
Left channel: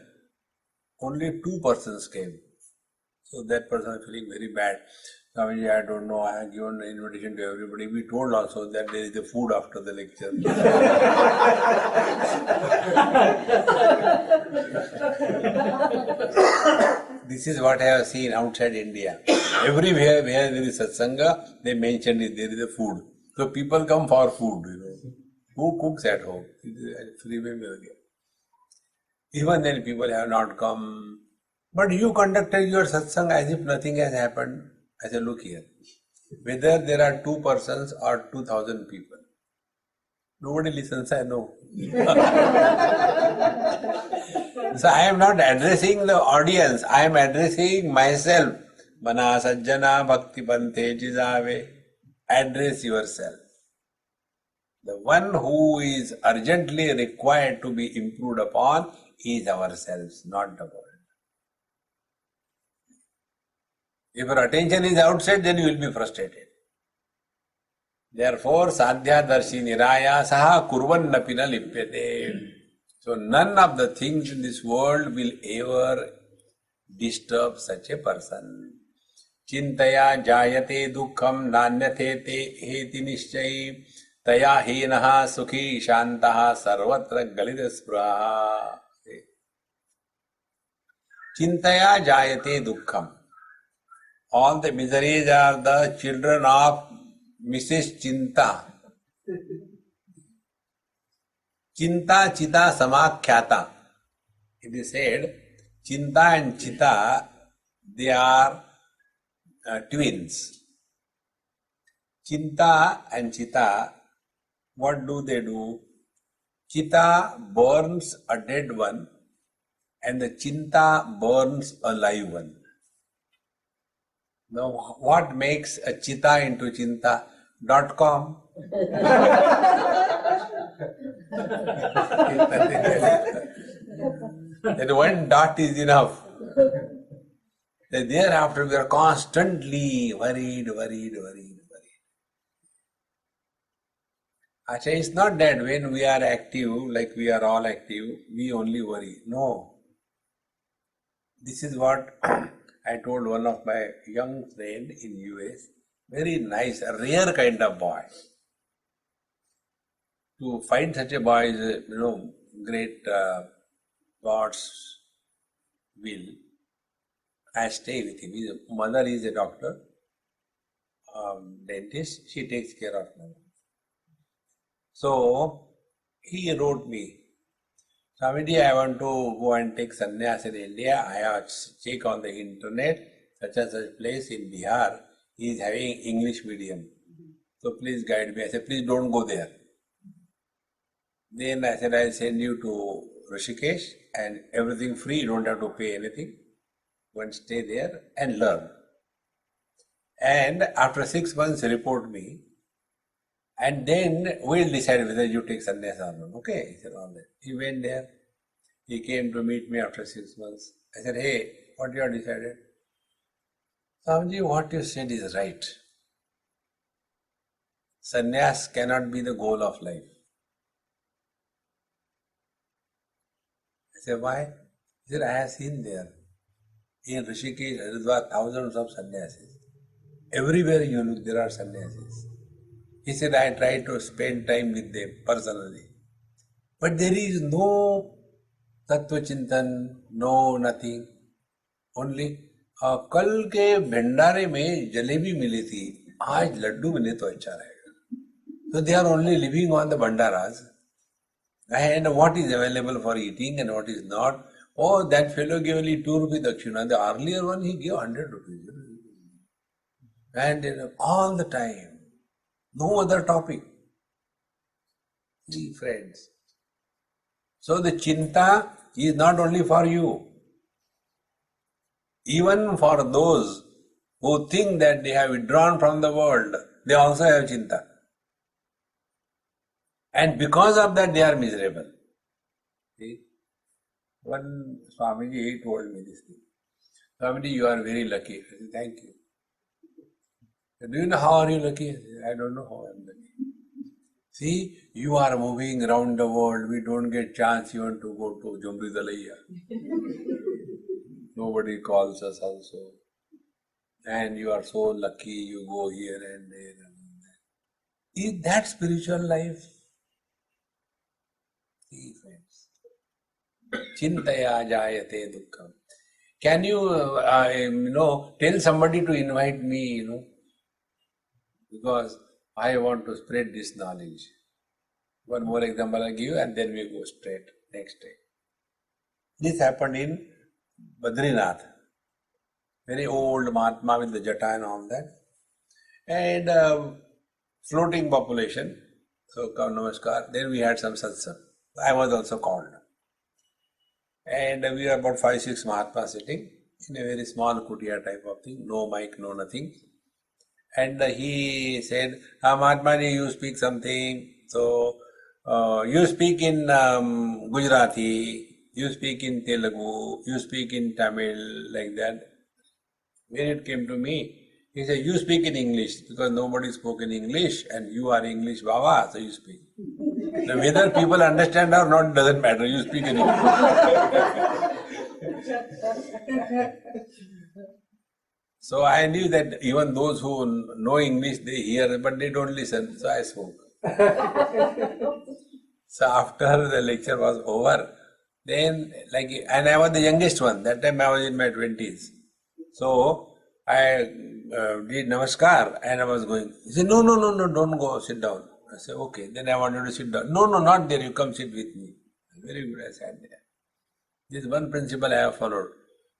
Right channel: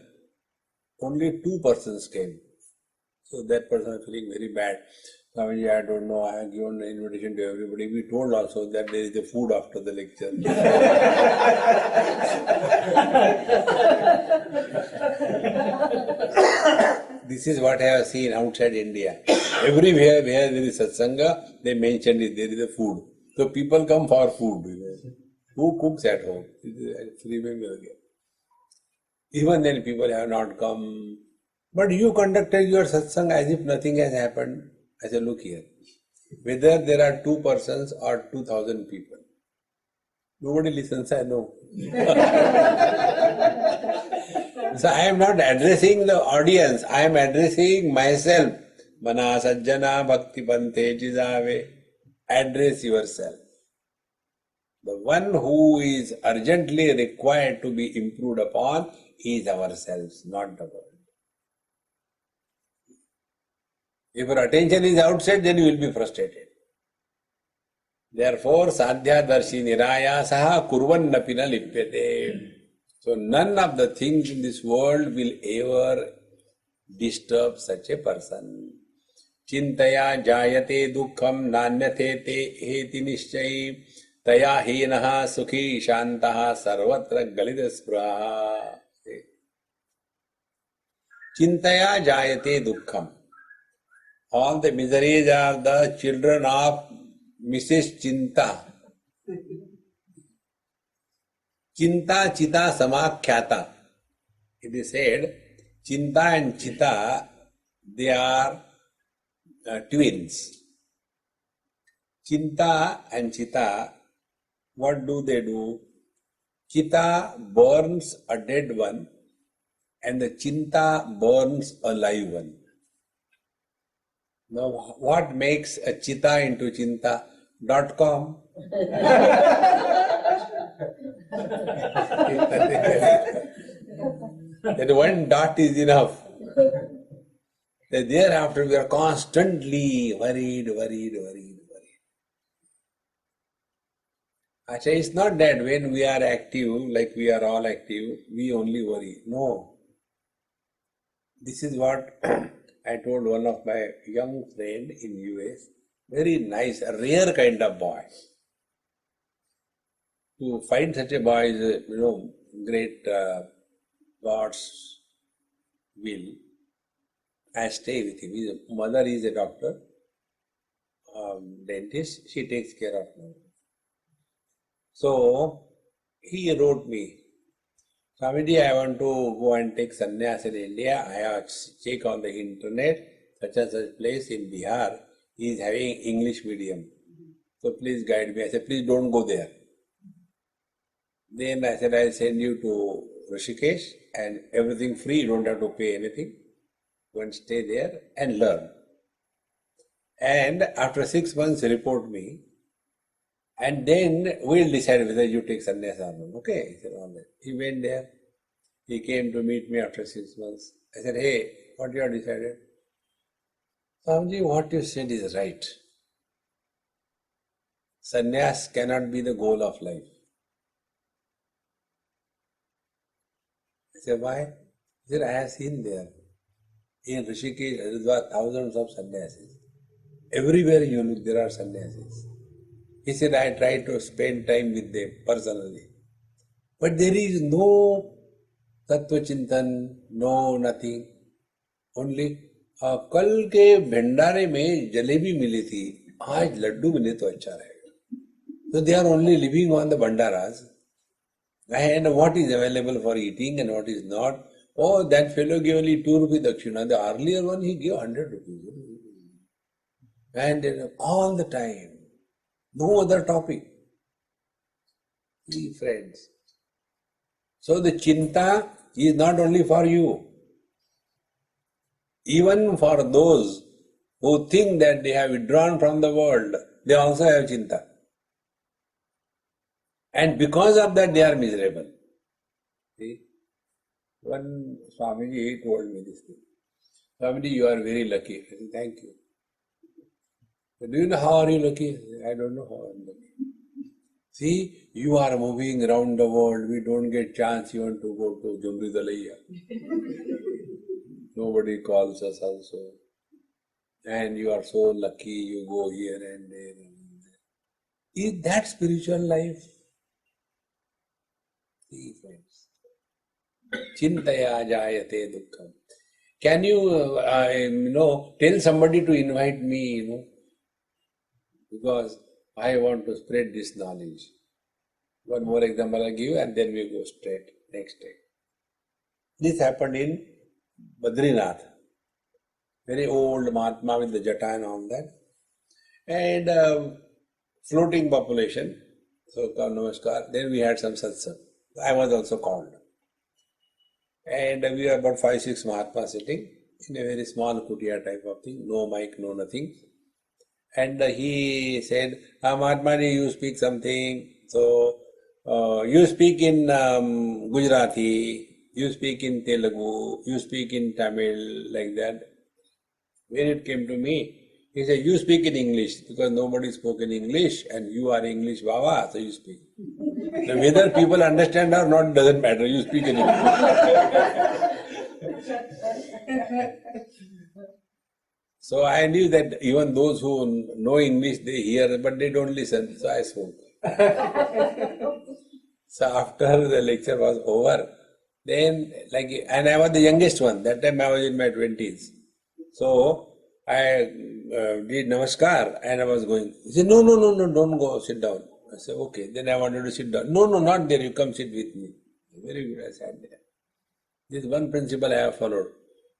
only 2 persons came. So that person is feeling very bad. Swamiji, I don't know, I have given an invitation to everybody. We told also that there is the food after the lecture. This is what I have seen outside India. Everywhere where there is satsanga, they mention it, there is a food. So people come for food, Who cooks at home? Even then people have not come. But you conducted your satsang as if nothing has happened. I said, look here. Whether there are 2 persons or 2,000 people, nobody listens, I know. So I am not addressing the audience, I am addressing myself. Mana sajjana bhakti pante jizave. Address yourself. The one who is urgently required to be improved upon is ourselves, not the world. If your attention is outside, then you will be frustrated. Therefore, sadhya darshi niraya saha kurvannapi na lipyate. So none of the things in this world will ever disturb such a person. Chintaya jayate dukkham nanyate te heti nishchayi taya hinaha sukhi shantaha sarvatra galita spraha. Chintaya jayate dukkham. All the miseries are the children of Mrs. Chinta. Chinta Chita Samakhyata. It is said, Chinta and Chita, they are twins. Chinta and Chita, what do they do? Chita burns a dead one and the Chinta burns a live one. Now, what makes a Chita into Chinta? .com. That one dot is enough. Thereafter we are constantly worried. Achha, it's not that when we are active, like we are all active, we only worry. No. This is what I told one of my young friend in US, very nice, a rare kind of boy. To find such a boy is, great God's will. I stay with him. His mother is a doctor, dentist. She takes care of him. So he wrote me, Swamiji, I want to go and take sannyas in India. I have checked on the internet, such and such place in Bihar is having English medium. So please guide me. I said, please don't go there. Then I said, I'll send you to Rishikesh and everything free. You don't have to pay anything. Go and stay there and learn. And after 6 months, report me. And then we'll decide whether you take sannyas or not. Okay, he said all that. He went there. He came to meet me after 6 months. I said, hey, what you have decided? Swamiji, what you said is right. Sannyas cannot be the goal of life. I said, why? He said, I have seen there. In Rishikesh, there are thousands of sannyasis. Everywhere you look, there are sannyasis. He said, I try to spend time with them personally. But there is no Tattva Chintan, no nothing. Only, कल के भंडारे में जलेबी मिली थी, आज लड्डू मिले तो अच्छा रहेगा. So they are only living on the bhandaras. And what is available for eating and what is not, Oh, that fellow gave only 2 rupees dakshina. The earlier one he gave 100 rupees. And all the time, no other topic. See, friends. So the chinta is not only for you. Even for those who think that they have withdrawn from the world, they also have chinta. And because of that, they are miserable. See? One Swamiji told me this thing. Swamiji, you are very lucky. I said, thank you. Do you know how are you lucky? I said, I don't know how I am lucky. See, you are moving around the world. We don't get chance even to go to Jumridalaya. Nobody calls us also. And you are so lucky, you go here and there and there. Is that spiritual life? See, friends. Chintaya jayate dukkham. Can you, tell somebody to invite me, because I want to spread this knowledge. One more example I'll give you and then we go straight next day. This happened in Badrinath. Very old Mahatma with the jata and all that. And floating population. So, namaskar. Then we had some satsang. I was also called. And we were about 5-6 Mahatmas sitting in a very small kutia type of thing. No mic, no nothing. And he said, Mahatma ji, you speak something. So, you speak in Gujarati, you speak in Telugu, you speak in Tamil, like that. When it came to me, he said, you speak in English, because nobody spoke in English, and you are English Baba, so you speak. Now, whether people understand or not doesn't matter, you speak in English. So I knew that even those who know English, they hear, but they don't listen, so I spoke. So after the lecture was over, then, and I was the youngest one, that time I was in my 20s. So I did namaskar and I was going. He said, no, don't go, sit down. I said, okay. Then I wanted to sit down. No, not there, you come sit with me. Very good, I sat there. This is one principle I have followed.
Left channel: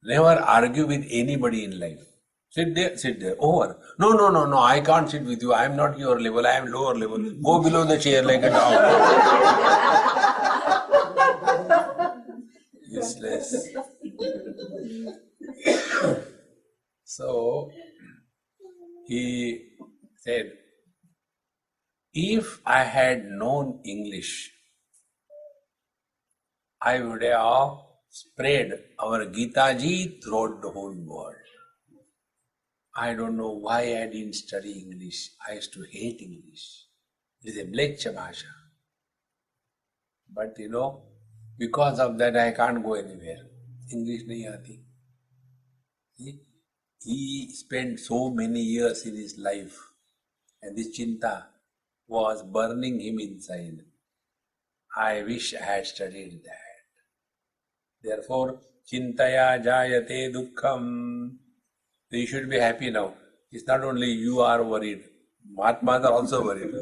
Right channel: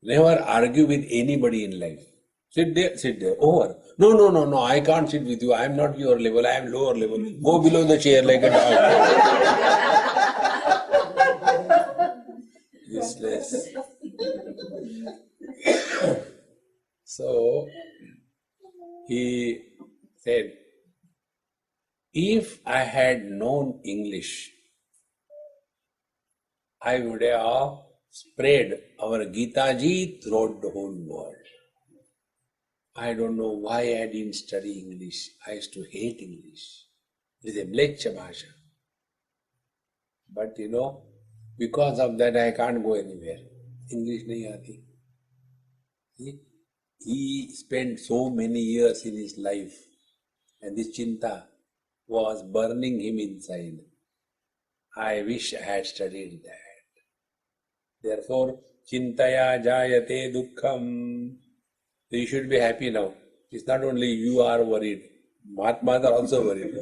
Never argue with anybody in life. Sit there, over. No, I can't sit with you. I am not your level, I am lower level. Go below the chair like a dog. Useless. So, he said, if I had known English, I would have spread our Gita ji throughout the whole world. I don't know why I didn't study English. I used to hate English. It is a mleccha bhasha. But because of that I can't go anywhere. English nahi aati. See? He spent so many years in his life and this chinta was burning him inside. I wish I had studied that. Therefore, chintaya jayate dukkham. So you should be happy now. It's not only you are worried, Mahatmas are also worried.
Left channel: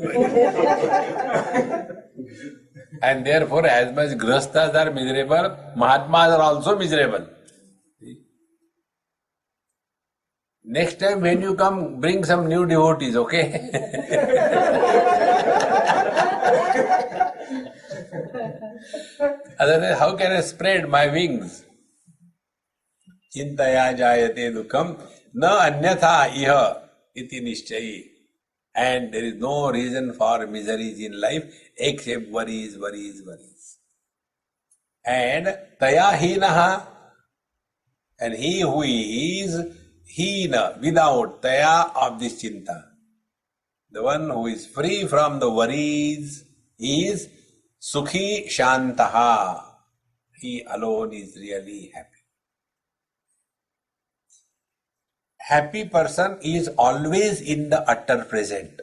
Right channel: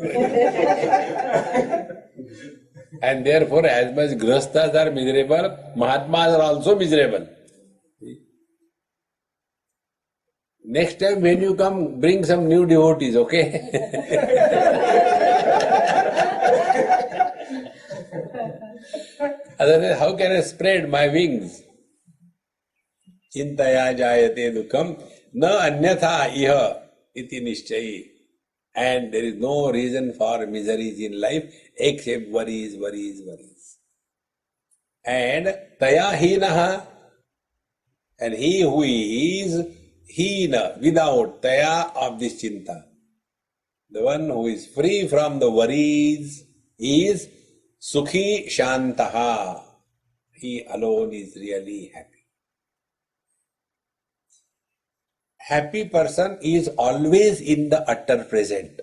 And therefore, as much grasthas are miserable, Mahatmas are also miserable. See? Next time when you come, bring some new devotees, okay? Otherwise, how can I spread my wings? Chintaya jayate dukkam na anyatha iha iti nishchayi. And there is no reason for miseries in life except worries. And taya hinaha, and he who is hina, without taya of this chinta, the one who is free from the worries is sukhi shantaha. He alone is really happy. Happy person is always in the utter present.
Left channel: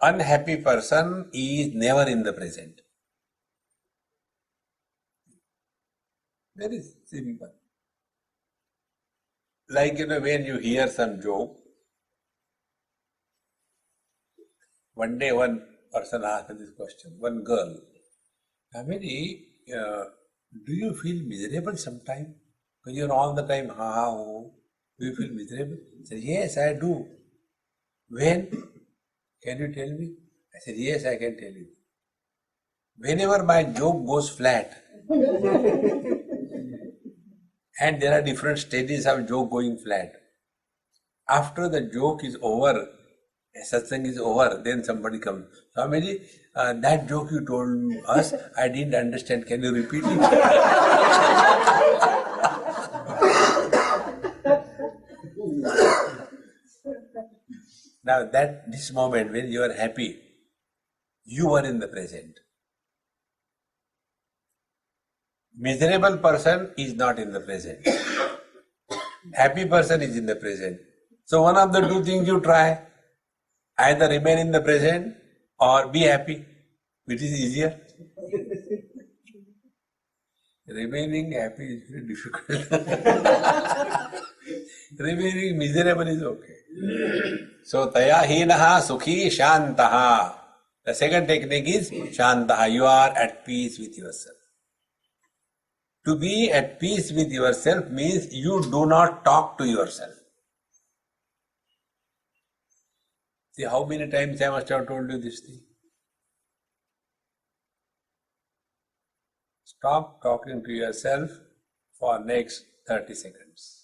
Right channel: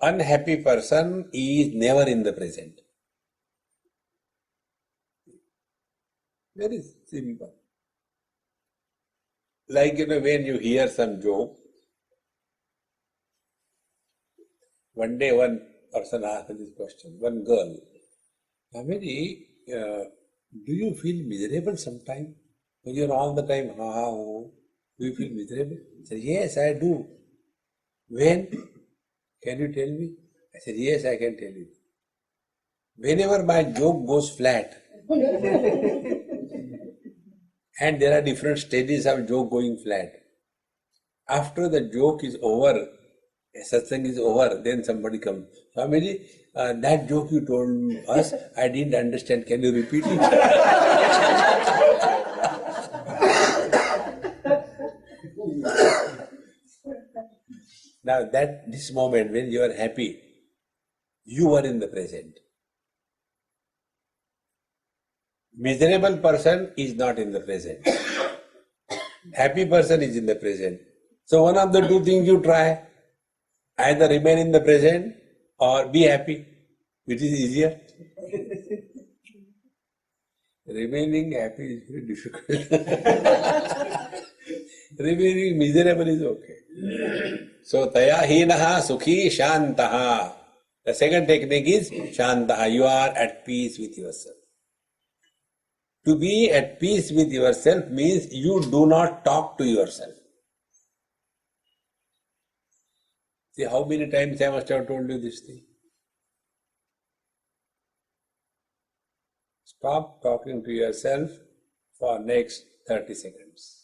Unhappy person is never in the present. Very simple. Like, when you hear some joke, one day one person asked me this question, one girl, Swamiji, Do you feel miserable sometime? When you're all the time, ha ha, oh, do you feel miserable? I said, yes, I do. When? Can you tell me? I said, yes, I can tell you. Whenever my joke goes flat, and there are different stages of joke going flat. After the joke is over, satsang is over, then somebody comes. Swamiji, that joke you told us, I didn't understand. Can you repeat it? Now this moment when you are happy, you are in the present. Miserable person is not in the present. Happy person is in the present. So one of the two things you try, either remain in the present or be happy, which is easier. Remaining happy is very difficult. Remaining miserable is okay. So taya hinaha sukhi shantaha. The second technique is shantaha. You are at peace with yourself. To be at peace with yourself means you do not talk to yourself. See how many times I must have told you this thing. Stop talking to yourself for next 30 seconds.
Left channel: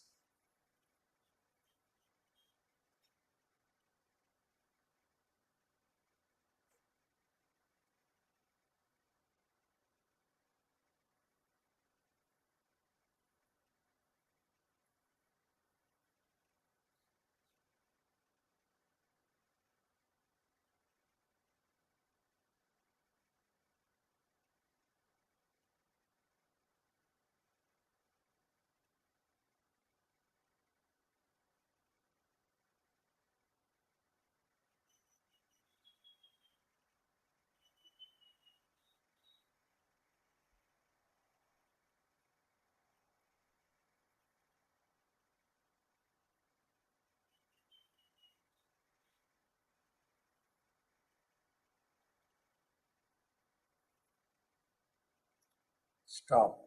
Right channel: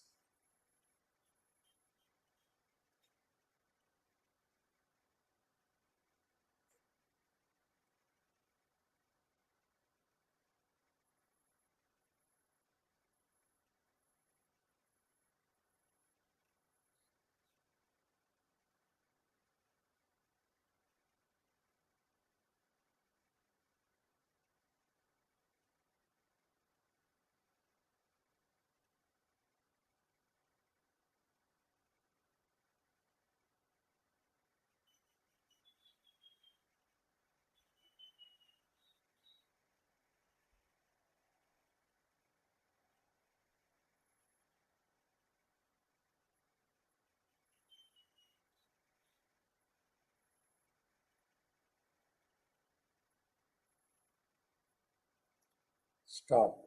Stop.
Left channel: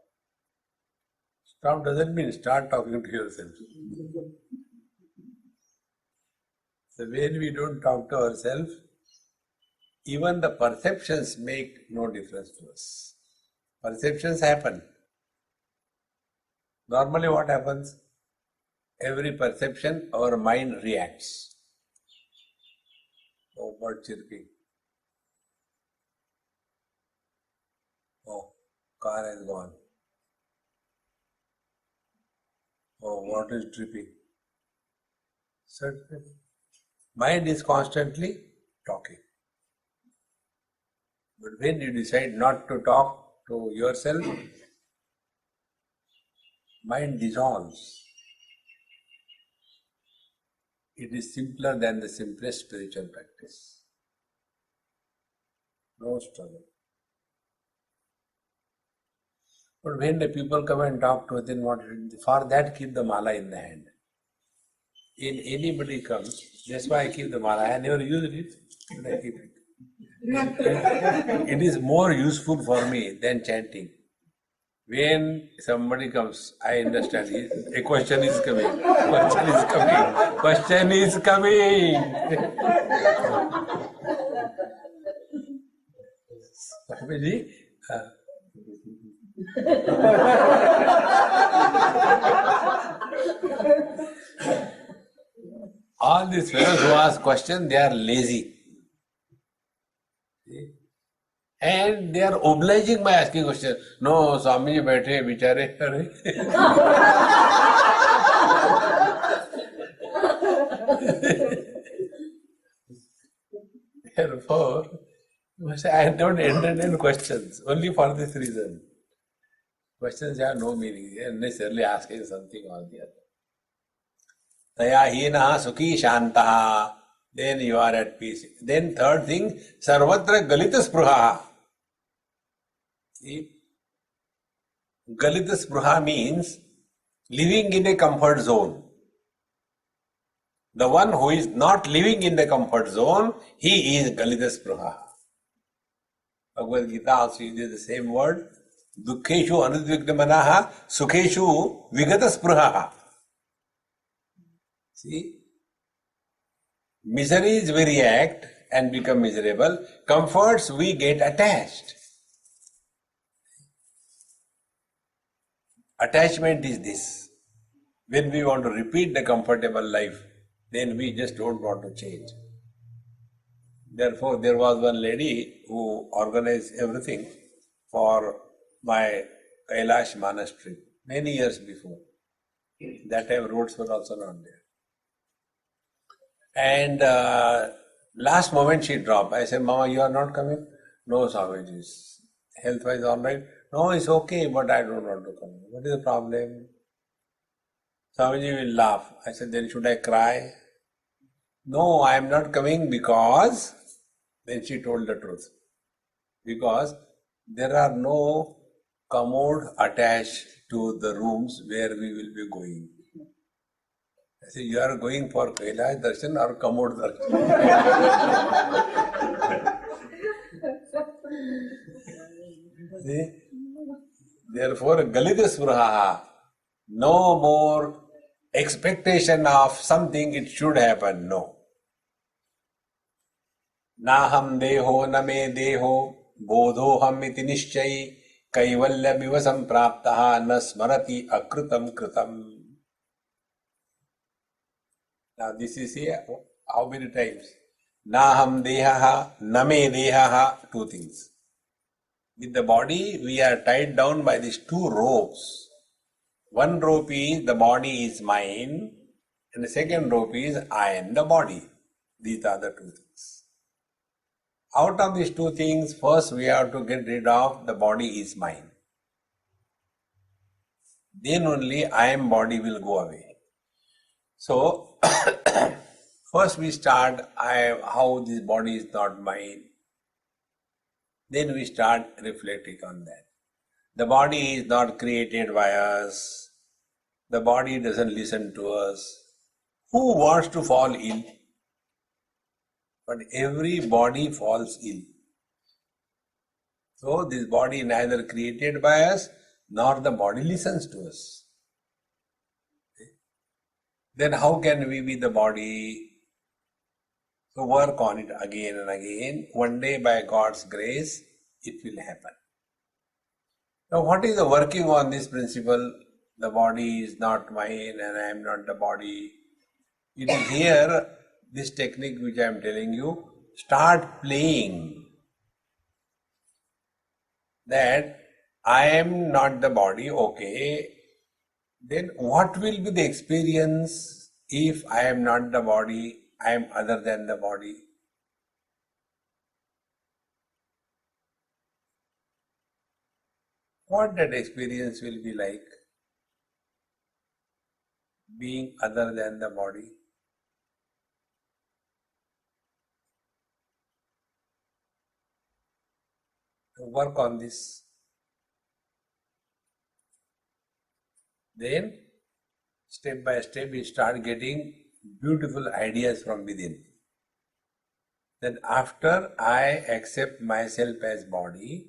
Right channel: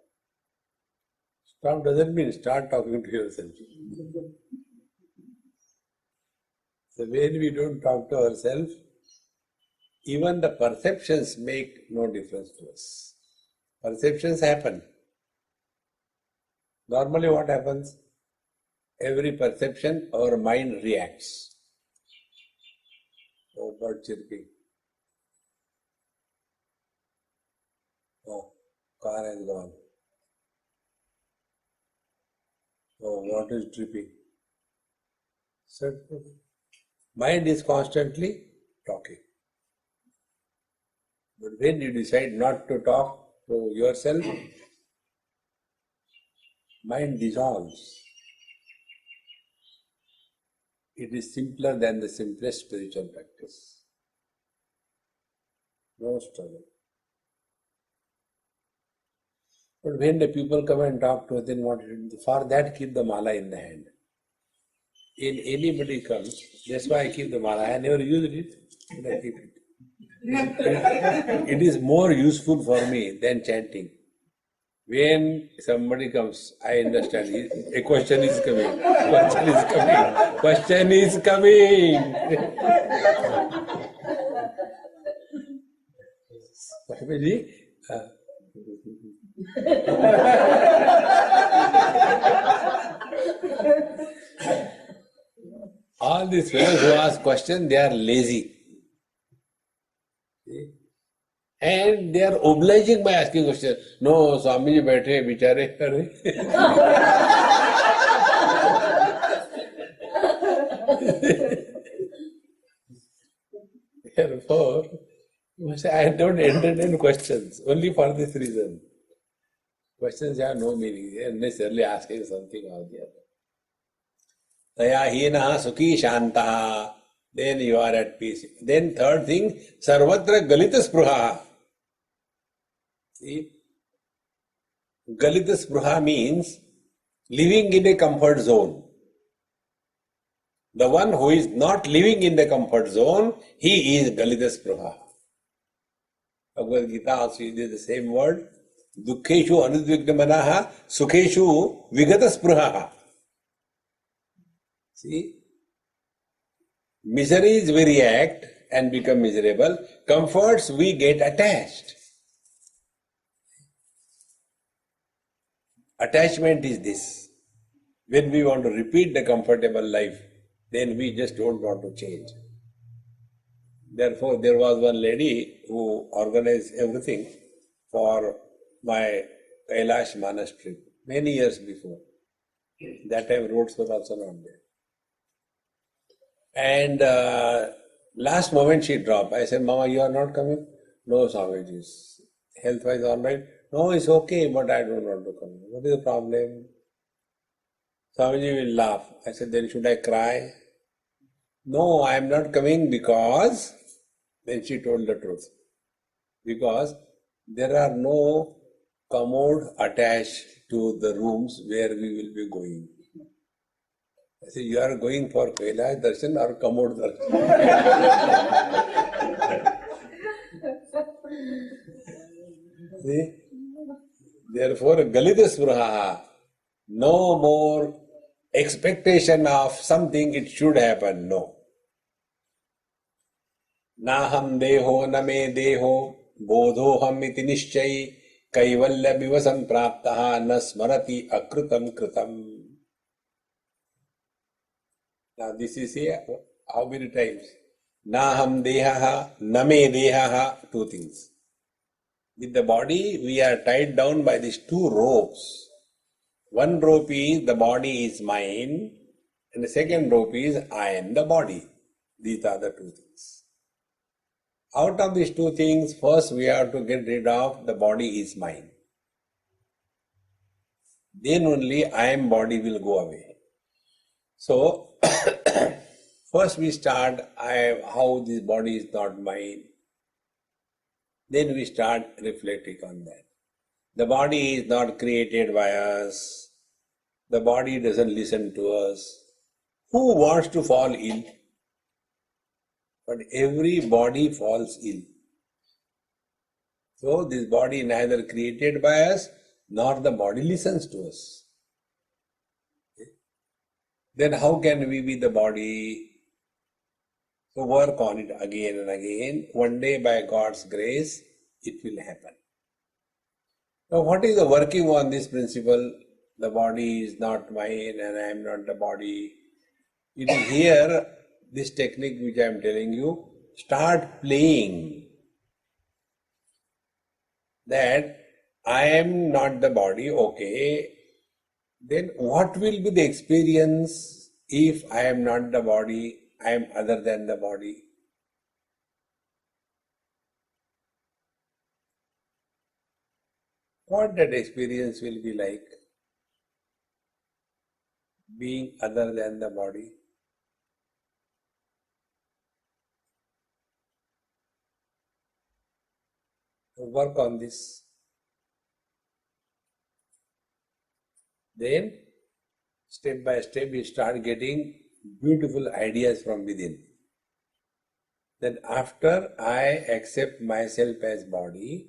Stop doesn't mean start talking to yourself. So when we don't talk to ourselves, even the perceptions make no difference to us. Perceptions happen. Normally what happens? Every perception, our mind reacts. Oh, bird chirping. Oh, car has gone. Oh, water is dripping. Certainly. Mind is constantly talking. But when you decide not to talk to yourself, mind dissolves. It is simpler than the simplest spiritual practice. No struggle. But when the people come and talk to us, then what? For that, keep the mala in the hand. When anybody comes, that's why I keep the mala. I never used it, but I keep it. It is more useful for me than chanting. When somebody comes, I understand. A question is coming. Question is coming. Question is coming. Swamiji, all these fellows who ask questions, they are lazy. And they are obliging by asking questions. No, Swamiji बैठे बिचारे अरे. Therefore, you must say, I don't entertain questions only for this reason. Questions have no meaning. They are necessarily asking something or the other. Taya hinaha sukhi shantaha. Then you are at peace. Then third thing, sarvatra galita spruha. See, galita spruha means living in a comfort zone. The one who is not living in the comfort zone, he is galita spruha. Bhagavad Gita also uses the same word. Dukheshu anudvigna manaha, sukheshu vigata spruhaha. See, miseries we react and become miserable. Comforts we get attached. Attachment is this. When we want to repeat the comfortable life, then we just don't want to change. Therefore, there was one lady who organized everything for my Kailash Manas trip many years before. That time roads were also not there. And last moment she dropped. I said, Mama, you are not coming? No, Swamiji's health-wise all right. No, it's okay, but I don't want to come. What is the problem? Swamiji will laugh. I said, then should I cry? No, I am not coming because, then she told the truth. Because there are no commode attached to the rooms where we will be going. I said, you are going for Kailash Darshan or commode Darshan? See? Therefore, Galita Spruhaha, no more expectation of something it should happen, no. Naham deho name deho bodhoham iti nishchayi kaivalya miva sampraptaha na smarati akrutam kritam. Now this is here, how many times? Naham dehaha, name dehaha, two things. With the body, we are tied down by these two ropes. One rope is the body is mine, and the second rope is I am the body. These are the two things. Out of these two things, first we have to get rid of the body is mine. Then only I am body will go away. So, first we start how this body is not mine. Then we start reflecting on that. The body is not created by us. The body doesn't listen to us. Who wants to fall ill? But every body falls ill. So this body neither created by us, nor the body listens to us. Then how can we be the body? So work on it again and again. One day by God's grace, it will happen. Now what is the working on this principle? The body is not mine and I am not the body. It is here, this technique which I am telling you, start playing that I am not the body, okay. Then what will be the experience if I am not the body, I am other than the body? What that experience will be like? Being other than the body. Work on this. Then, step by step, you start getting beautiful ideas from within. Then after I accept myself as body,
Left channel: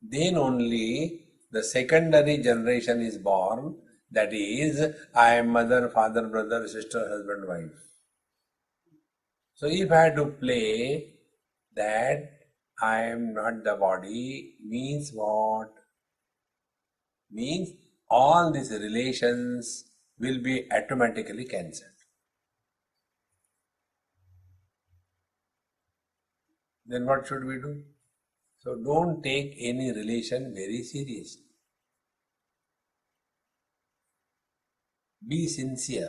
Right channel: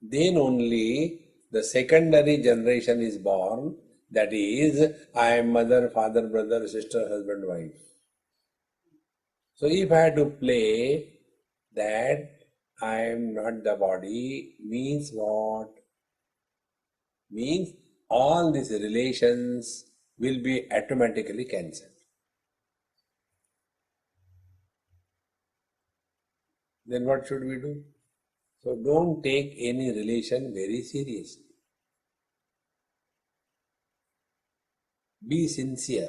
then only the secondary generation is born. That is, I am mother, father, brother, sister, husband, wife. So if I had to play that I am not the body, means what? Means all these relations will be automatically cancelled. Then what should we do? So don't take any relation very seriously. Be sincere.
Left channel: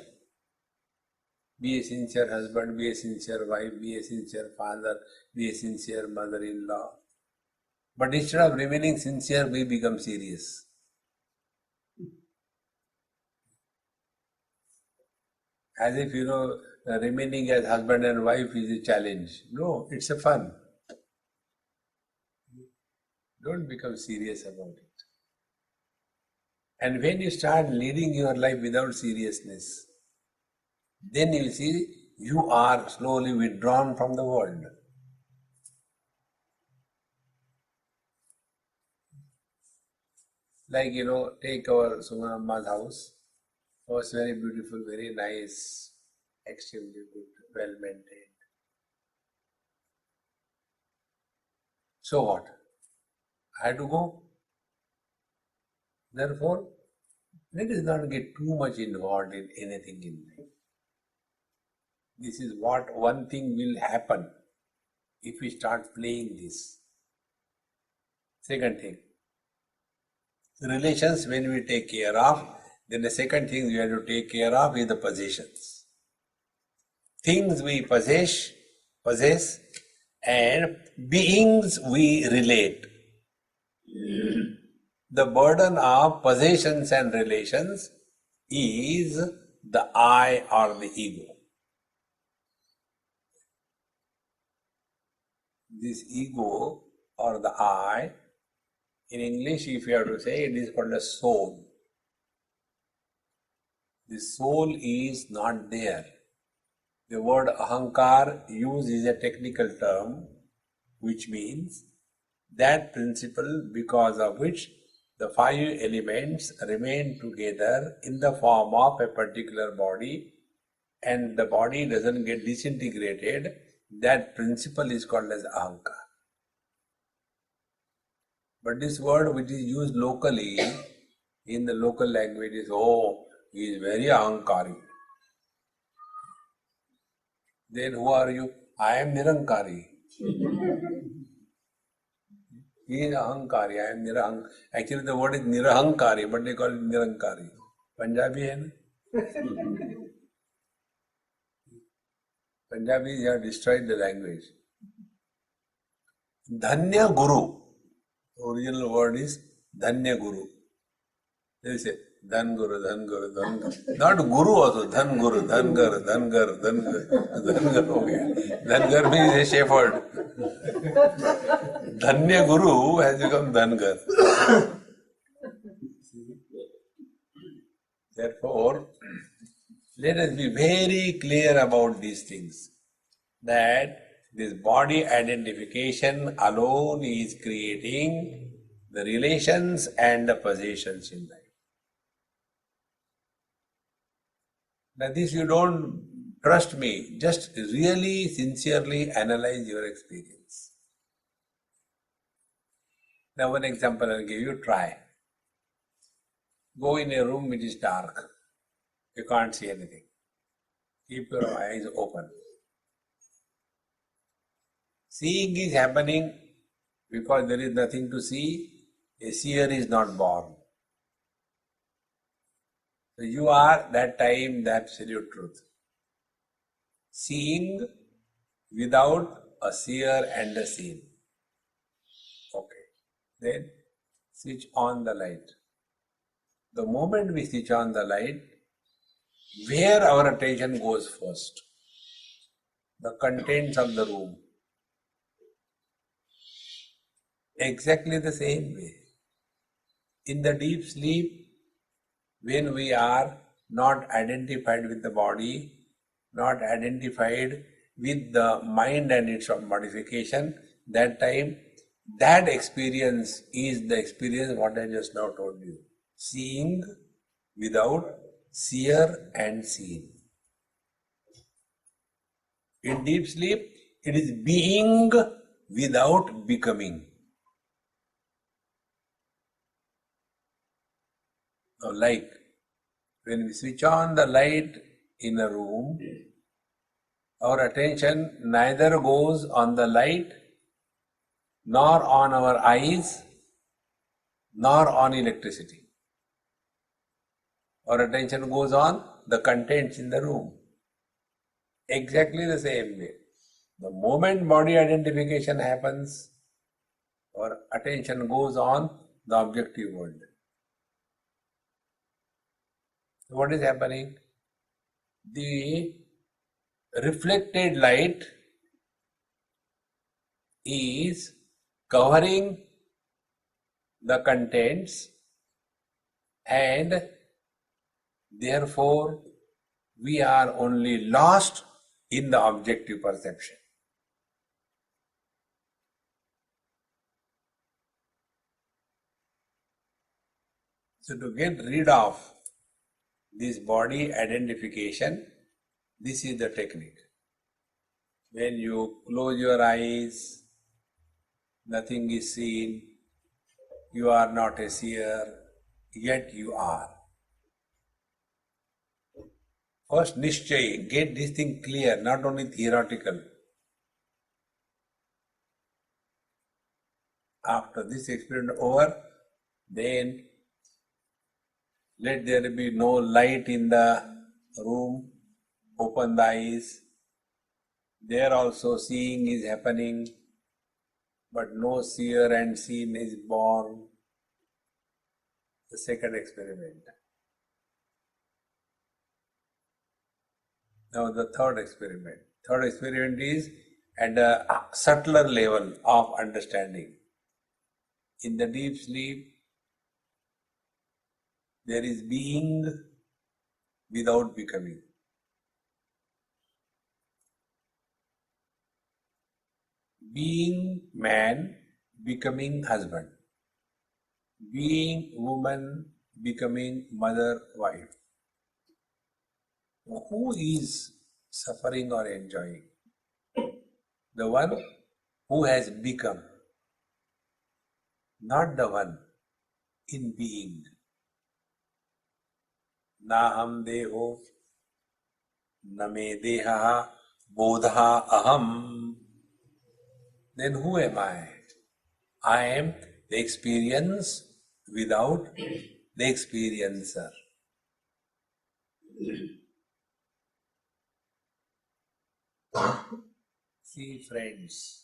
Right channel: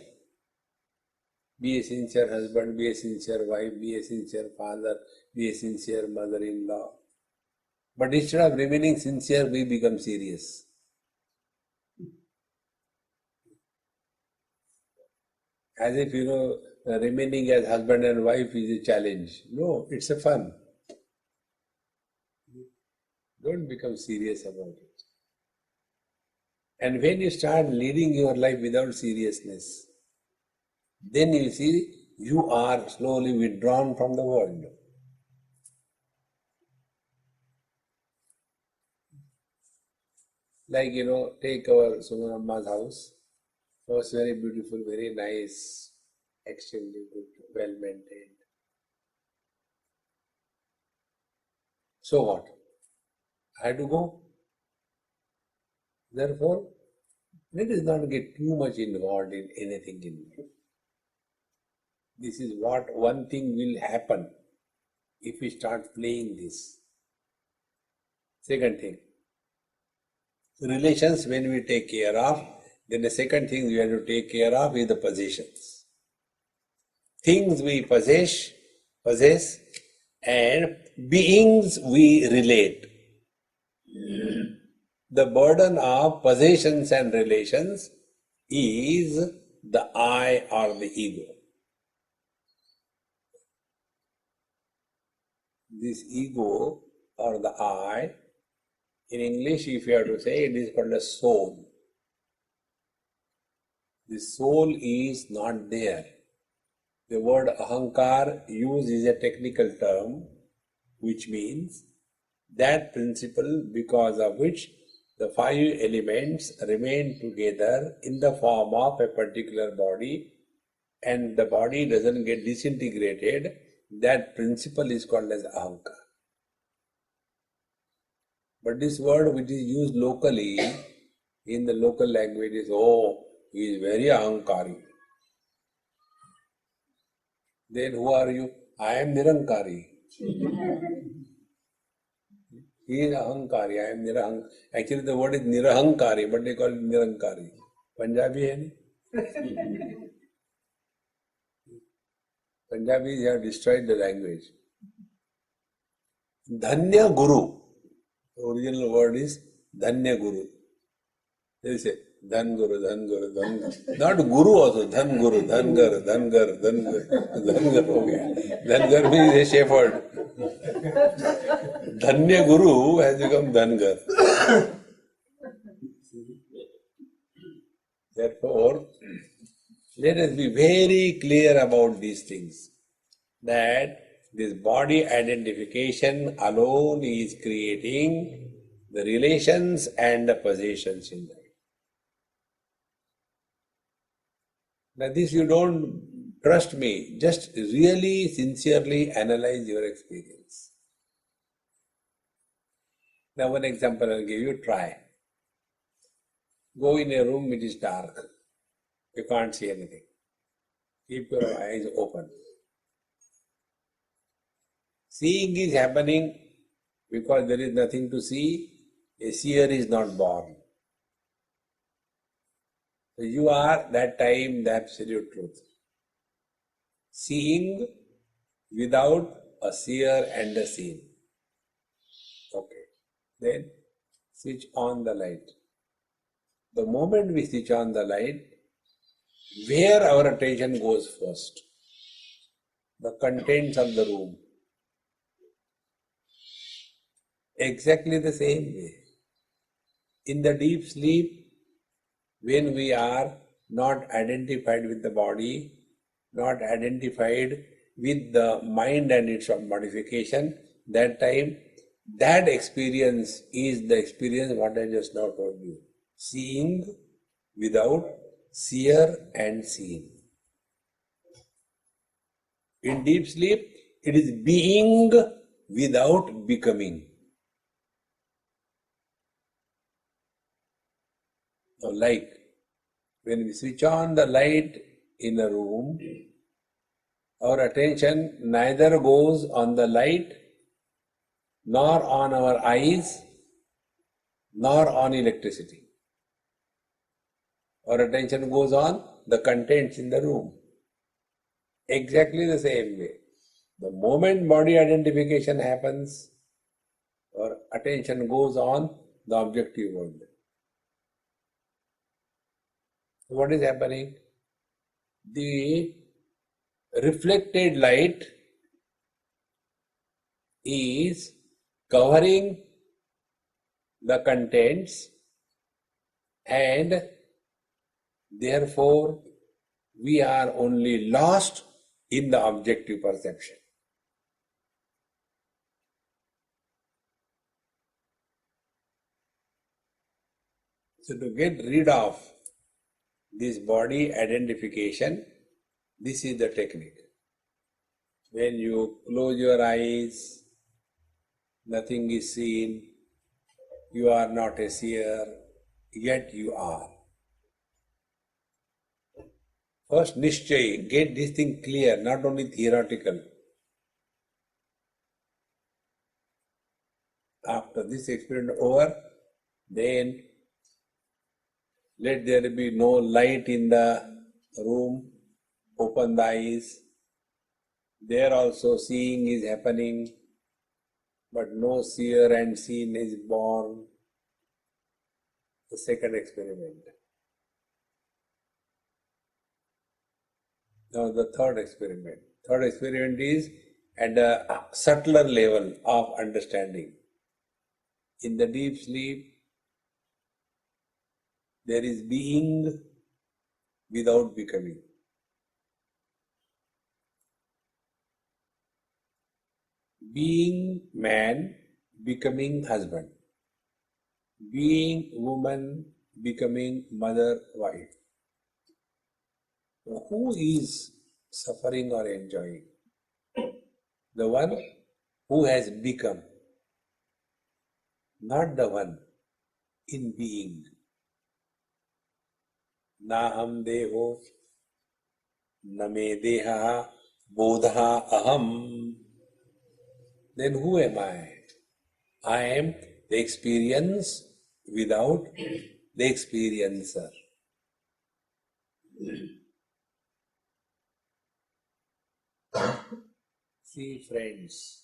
Be a sincere husband, be a sincere wife, be a sincere father, be a sincere mother-in-law. But instead of remaining sincere, we become serious. As if, remaining as husband and wife is a challenge. No, it's a fun. Don't become serious about it. And when you start leading your life without seriousness, then you see you are slowly withdrawn from the world. Like, take our Sumanamma's house. It was very beautiful, very nice, extremely good, well maintained. So what? I had to go. Therefore, let us not get too much involved in anything in life. This is what one thing will happen if we start playing this. Second thing, relations when we take care of, then the second thing we have to take care of is the possessions. Things we possess, and beings we relate. The burden of possessions and relations is the I or the ego. This ego or the I, in English, if you have to say, it is called a soul. The soul is not there. The word ahankar used is a technical term, which means that principle because of which the five elements remain together in the form of a particular body, and the body doesn't get disintegrated. That principle is called as ahankar. But this word which is used locally, in the local language is, oh, he is very ahankari. Then who are you? I am nirankari. He is ahankari, I am nirahankari. Actually the word is nirahankari, but they call it nirankari. Punjabi hai na? Punjabis have destroyed the language. Dhanya Guru. The original word is Dhanya Guru. They say Dhan Guru, Dhan Guru, Dhan Guru. Not Guru also, Dhan Guru, Dhan Gar, Dhan Gar, Dhan Gar. Dhan Gar ho gaya. Dhan Gar means a shepherd. Dhanya Guru has become Dhan Gar. Therefore, let us be very clear about these things, that this body identification alone is creating the relations and the possessions in life. Now this you don't trust me, just really sincerely analyze your experience. Now one example I'll give you, try. Go in a room which is dark, you can't see anything. Keep your eyes open. Seeing is happening because there is nothing to see. A seer is not born. So you are that time the absolute truth. Seeing without a seer and a seen. Okay. Then switch on the light. The moment we switch on the light, where our attention goes first? The contents of the room. Exactly the same way. In the deep sleep, when we are not identified with the body, not identified with the mind and its modification, that time, that experience is the experience what I just now told you. Seeing without seer and seen. In deep sleep, it is being without becoming. Like when we switch on the light in a room, our attention neither goes on the light, nor on our eyes, nor on electricity. Our attention goes on the contents in the room. Exactly the same way. The moment body identification happens, our attention goes on the objective world. What is happening? The reflected light is covering the contents, and therefore we are only lost in the objective perception. So to get rid of this body identification, this is the technique. When you close your eyes, nothing is seen, you are not a seer, yet you are. First, Nishchay, get this thing clear, not only theoretical. After this experiment over, then let there be no light in the room, open the eyes. There also seeing is happening, but no seer and seen is born. The second experiment. Now the third experiment. Third experiment is at a subtler level of understanding. In the deep sleep, there is being without becoming. Being man, becoming husband. Being woman, becoming mother, wife. Who is suffering or enjoying? The one who has become, not the one in being. Naham deho, name deha, bodha aham. Then who am I? I am the experience without the experiencer. See, friends,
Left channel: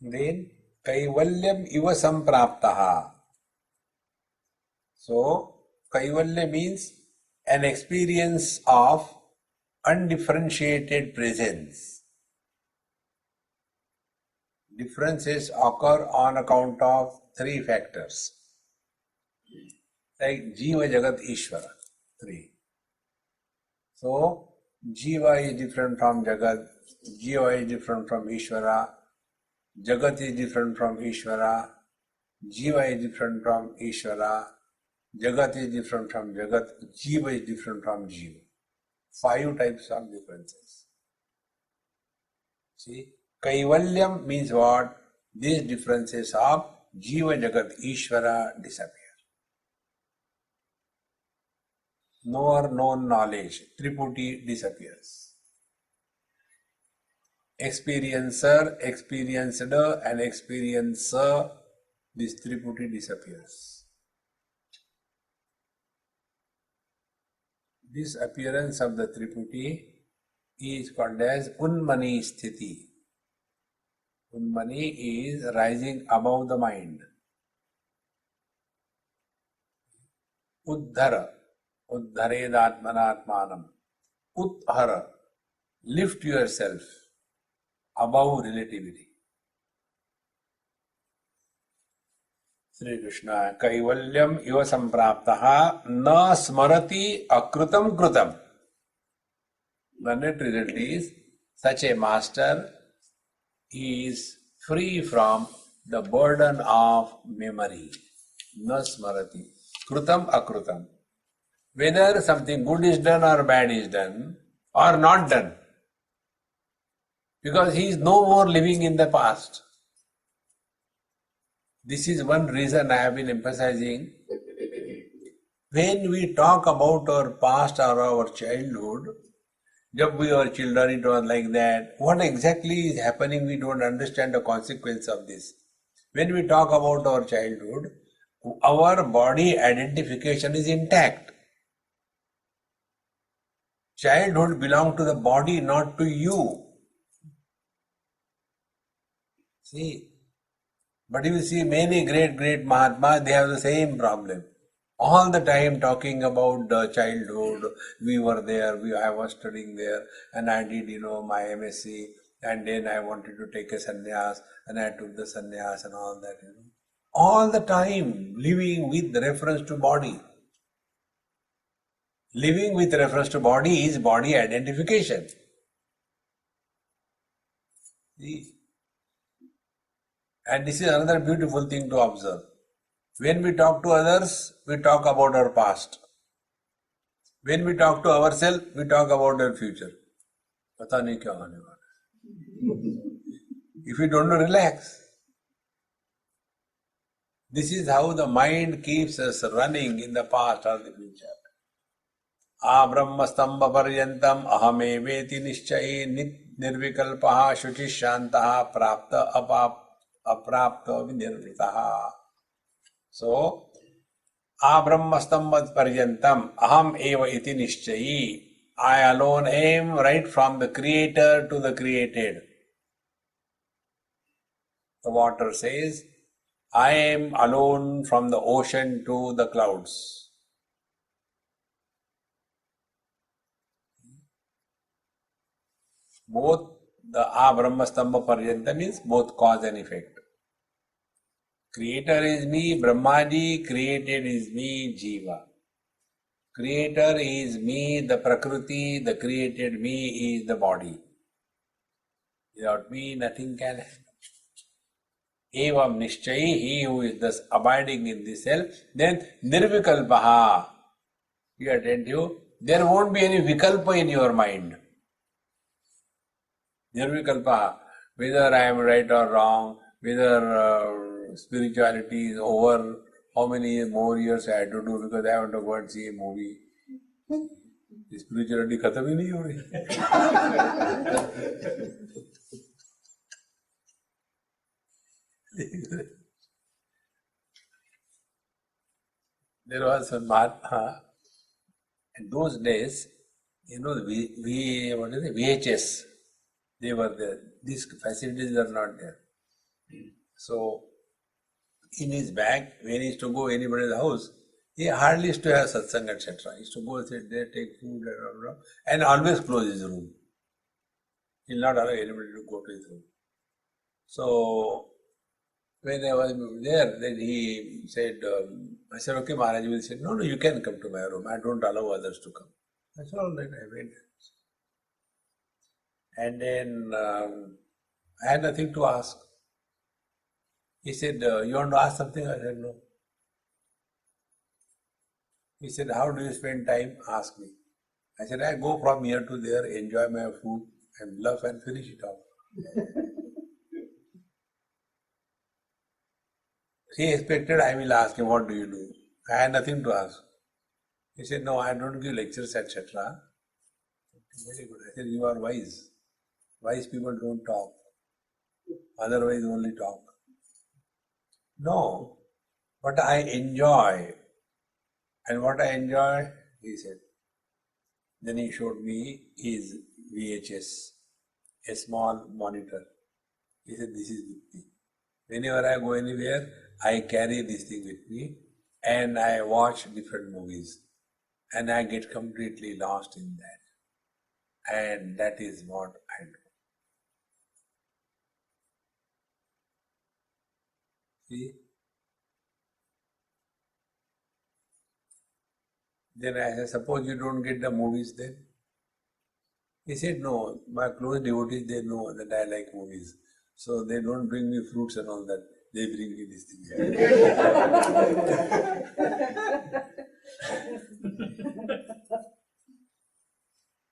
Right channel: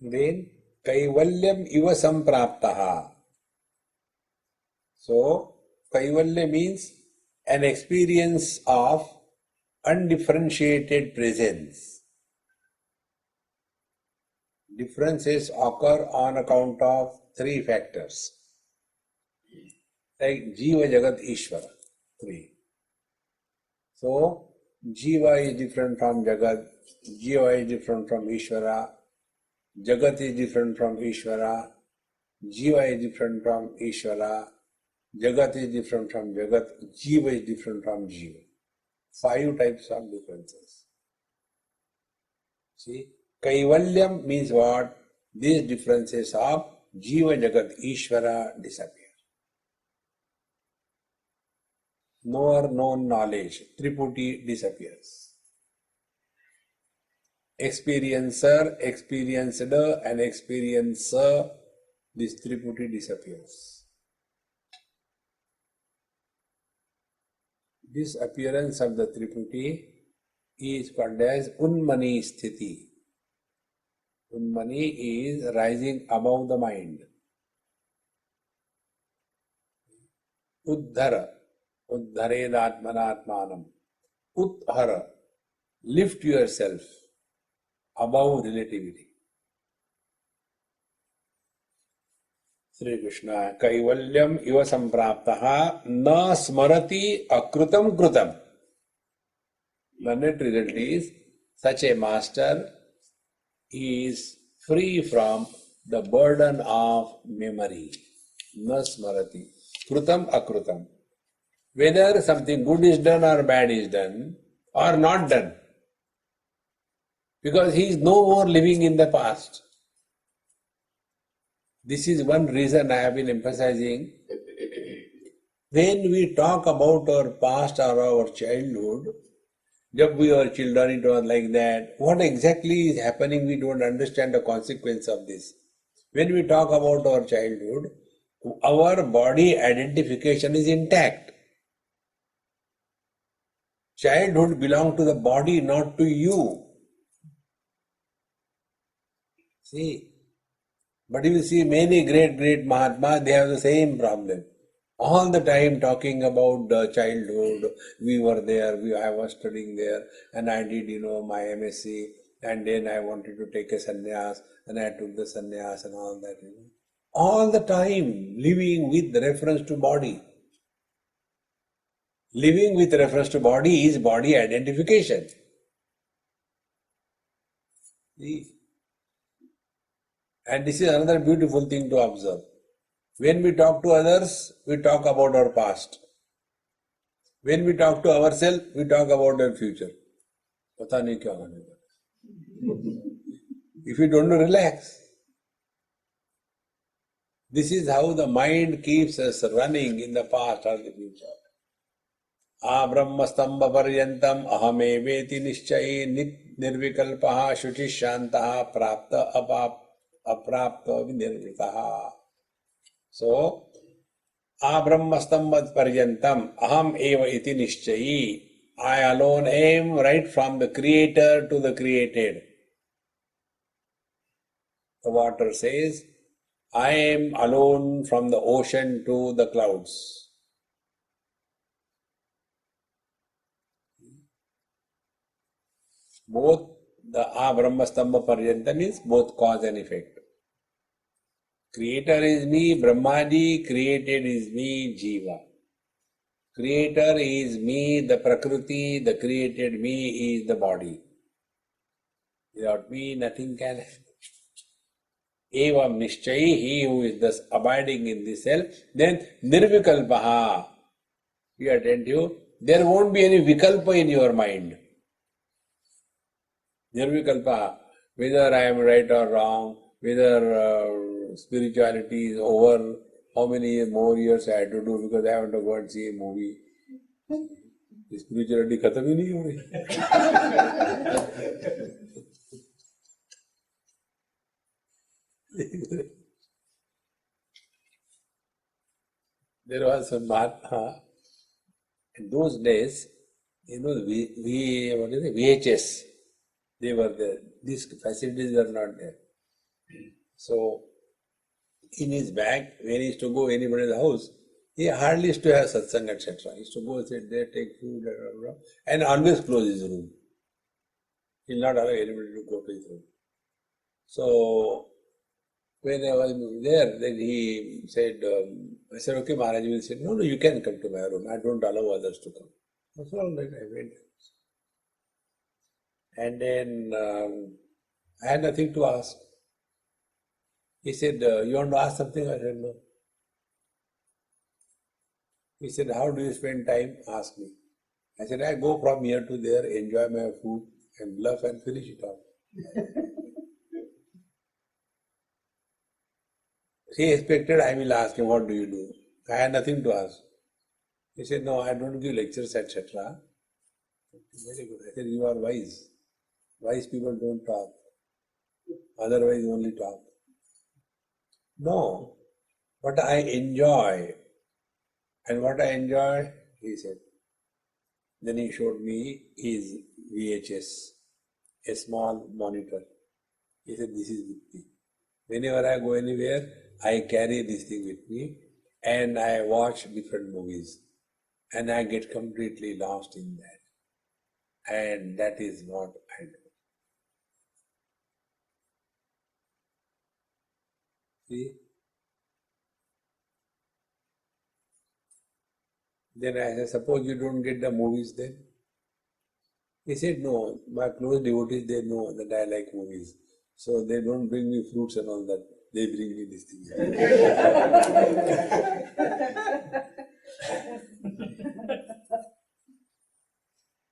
then kaivalyam iva sampraptaha. So, kaivalya means an experience of undifferentiated presence. Differences occur on account of three factors. Like Jiva, Jagat, Ishvara. Three. So, Jiva is different from Jagat, Jiva is different from Ishvara, Jagat is different from Ishvara, Jiva is different from Ishvara, Jagat is different from Jagat, Jiva is different from Jiva. 5 types of differences. See, Kaivalyam means what? These differences of Jiva, Jagat, Ishvara disappear. Knower, known knowledge, Triputi disappears. Experiencer, experienced, and experiencer, this Triputi disappears. This appearance of the Triputi is called as Unmani Sthiti. Unmani is rising above the mind. Uddhara, Uddharedatmanatmanam. Uthara, lift yourself above relativity. Sri Krishna, Kaivalyam iva sampraptaha na smarati akrutam krutam. The net result is, such a master is free from the burden of memory. Na smarati. Krutam akrutam. Whether something good is done or bad is done or not done. Because he is no more living in the past. This is one reason I have been emphasizing. When we talk about our past or our childhood, when we were children, it was like that. What exactly is happening, we don't understand the consequence of this. When we talk about our childhood, our body identification is intact. Childhood belongs to the body, not to you. See? But if you see many great Mahatmas, they have the same problem. All the time talking about the childhood, we were there, I was studying there, and I did, my MSc, and then I wanted to take a sannyas, and I took the sannyas and all that. All the time living with reference to body. Living with reference to body is body identification. See? And this is another beautiful thing to observe. When we talk to others, we talk about our past. When we talk to ourselves, we talk about our future. Pata nahi kya hone wala. If you don't relax, this is how the mind keeps us running in the past or the future. Brahmastamba paryantam ahameveti nishchaye nirvikalpaha shuchishantaha prapta aprapta vinirvritaha. So, Brahmastamba paryantam aham eva iti nishchayi. I alone am, right from the creator to the created. The water says, I am alone from the ocean to the clouds. Both the Brahmastamba Paryanta means both cause and effect. Creator is me, Brahmaji, created is me, Jiva. Creator is me, the Prakriti, the created me is the body. Without me, nothing can happen. Evam Nishchayi, he who is thus abiding in the self, then Nirvikalpaha, be attentive, there won't be any vikalpa in your mind. Nirvikalpa, whether I am right or wrong, whether spirituality is over, how many more years I have to do because I haven't to go and see a movie. Spirituality khatam hi nahi ho rahi. There was one Mahatma. In those days, what is it? VHS. They were there. These facilities were not there. So, in his bag, when he used to go anybody's house, he hardly used to have satsang, etc. He used to go sit there, take food, and always close his room. He will not allow anybody to go to his room. So, when I was there, then he said, I said, okay, Maharaj. He said, no, you can come to my room. I don't allow others to come. I said, all right, I went. And then I had nothing to ask. He said, you want to ask something? I said, no. He said, how do you spend time? Ask me. I said, I go from here to there, enjoy my food, and bluff and finish it off. He expected I will ask him, what do you do? I had nothing to ask. He said, no, I don't give lectures, etc. Very good. I said, you are wise. Wise people don't talk. Otherwise only talk. No, but I enjoy. And what I enjoy, he said. Then he showed me his VHS, a small monitor. He said, this is with me. Whenever I go anywhere, I carry this thing with me and I watch different movies and I get completely lost in that. And that is what I do. See? Then I said, suppose you don't get the movies then? He said, no, my close devotees, they know that I like movies. So they don't bring me fruits and all that. They bring me these things.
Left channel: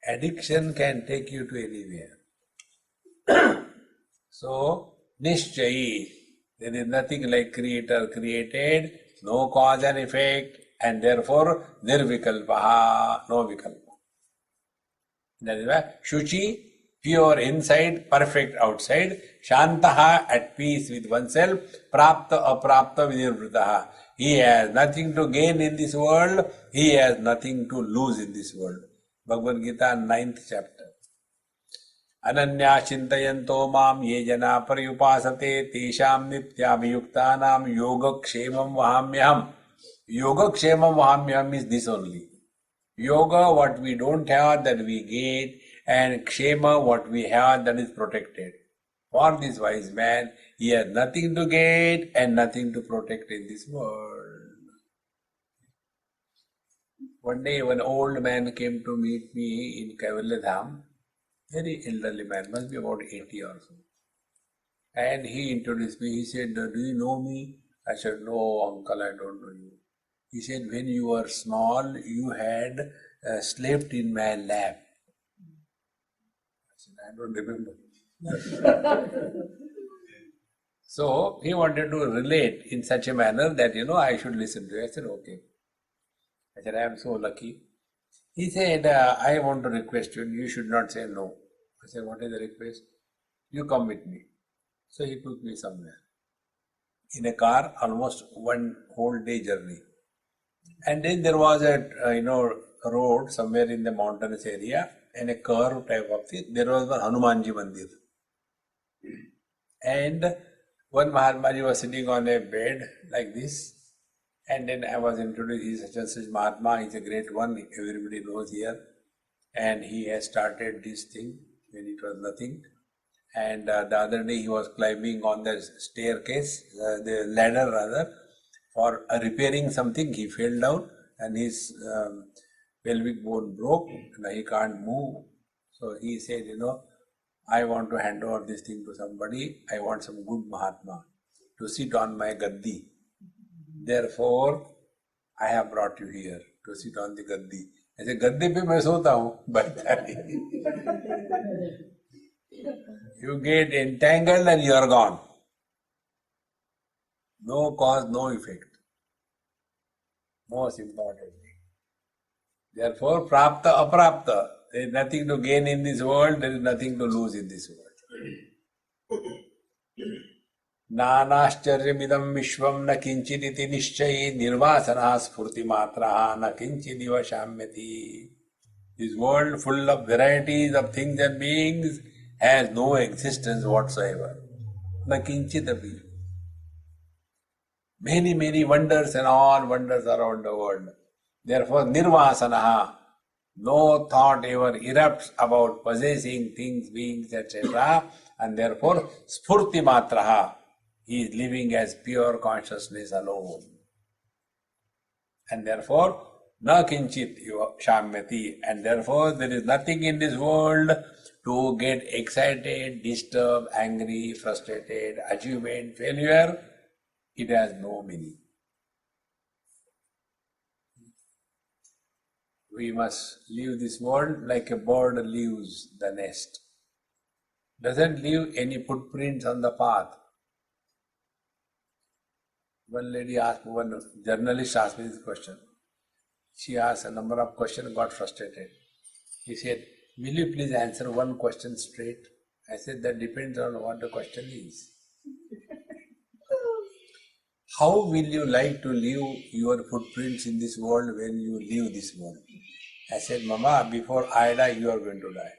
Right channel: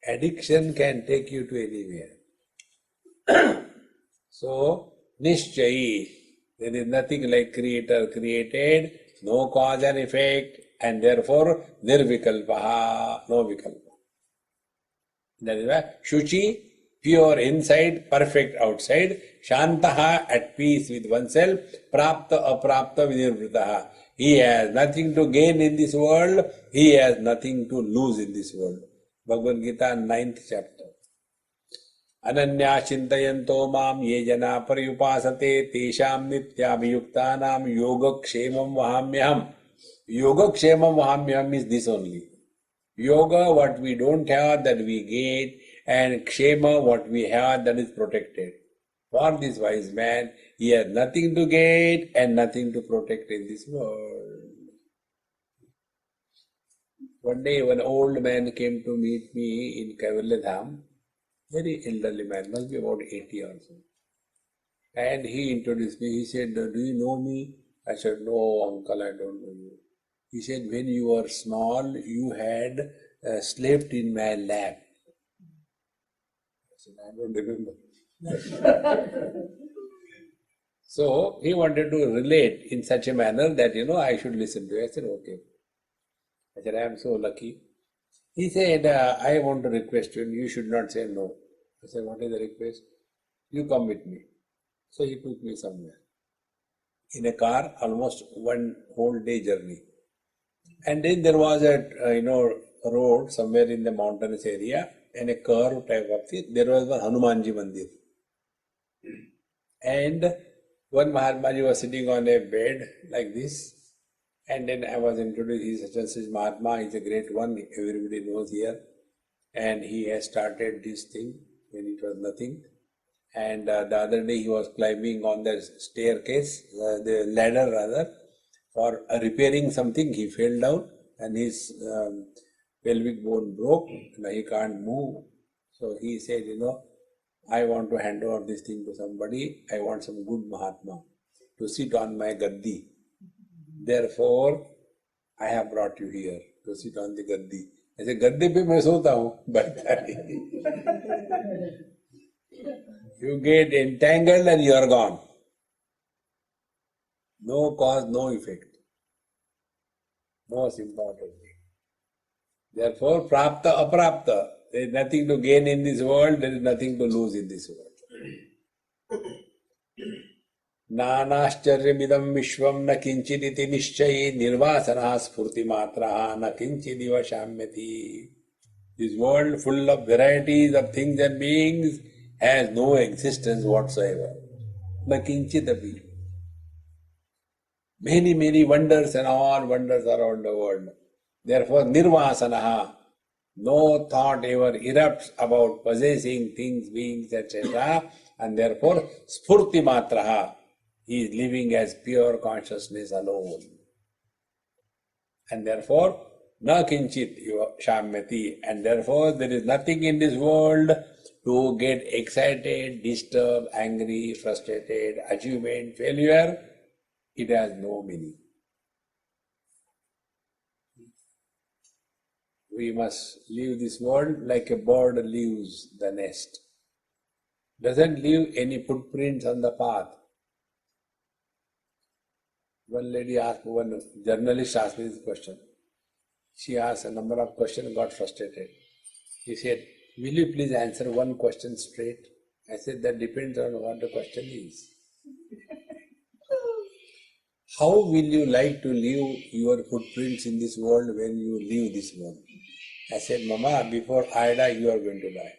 Addiction can take you to anywhere. So, Nishchayi, there is nothing like creator created, no cause and effect, and therefore Nirvikalpaha, no vikalpa. That is why Shuchi, Pure inside, perfect outside. Shantaha, at peace with oneself. Prapta aprapta vinirvritaha. He has nothing to gain in this world. He has nothing to lose in this world. Bhagavad Gita, 9th chapter. Ananya chintayanto mam ye jana paryupasate tesham nityabhiyuktanam yogakshemam vahamyam. Yogakshemam vahamyam is this only. Yoga, what we don't have, that we get, and kshema, what we have, that is protected. For this wise man, he has nothing to get and nothing to protect in this world. One day, one old man came to meet me in Kaivalyadham, very elderly man, must be about 80 or so. And he introduced me. He said, "Do you know me?" I said, "No, uncle, I don't know you." He said, "When you were small, you had slept in my lap." I said, "I don't remember." So he wanted to relate in such a manner that, I should listen to it. I said, "Okay." I said, "I am so lucky." He said, "I want to request you, and you should not say no." I said, "What is the request?" "You come with me." So he took me somewhere in a car, almost one whole day journey. And then there was a road somewhere in the mountainous area, and a curve type of thing. There was one Hanumanji Mandir. And one Mahatmaji was sitting on a bed like this. And then I was introduced, he is such and such Mahatma, he is a great one, everybody knows here. And he has started this thing when it was nothing. And the other day he was climbing on the staircase, the ladder rather, for repairing something. He fell down and his pelvic bone broke and he can't move. So he said, I want to hand over this thing to somebody. I want some good Mahatma to sit on my gaddi. Therefore, I have brought you here to sit on the gaddi. I said, gaddi pe main sota hu, but you get entangled and you are gone. No cause, no effect. Most important thing. Therefore, prapta aprapta. There is nothing to gain in this world, there is nothing to lose in this world. Nanascharya vishvam na kinchiditi nishchayi nirvasana spurti matraha na kinchidiva shamyati. This world full of varieties of things and beings has no existence whatsoever. Na kinchidapi. Many, many wonders and all wonders around the world. Therefore, nirvasanaha, no thought ever erupts about possessing things, beings, etc. And therefore, spurti matraha, he is living as pure consciousness alone. And therefore, na kinchit shamyati. And therefore, there is nothing in this world to get excited, disturbed, angry, frustrated, achievement, failure. It has no meaning. We must leave this world like a bird leaves the nest. Doesn't leave any footprints on the path. One lady asked, one journalist asked me this question. She asked a number of questions, got frustrated. He said, "Will you please answer one question straight?" I said, "That depends on what the question is." How will you like to leave your footprints in this world when you leave this world? I said, "Mama, before I die, you are going to die.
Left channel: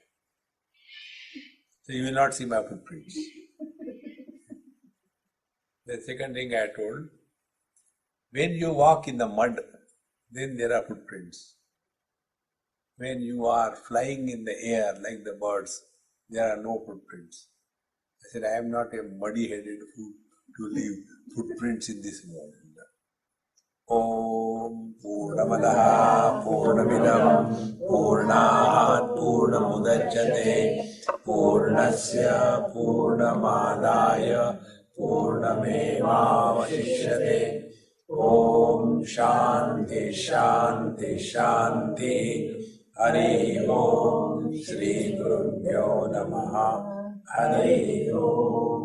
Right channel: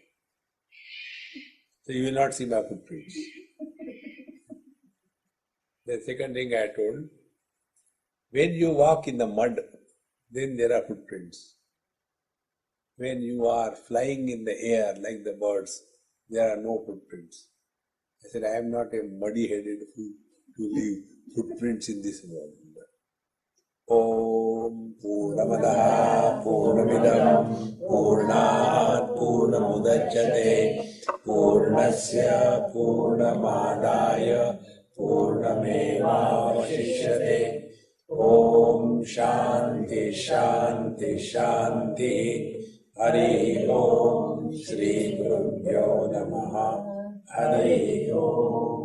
So you will not see my footprints." The second thing I told, when you walk in the mud, then there are footprints. When you are flying in the air like the birds, there are no footprints. I said, I am not a muddy-headed fool to leave footprints in this world. Om Purnamadaha Purnamidam Purnat Purnamudachyate Purnasya Purnamadaya Purnamevavashishyate. Om Shanti Shanti Shanti. Hari Om Shri Gurubhyo Namaha. Hari Om.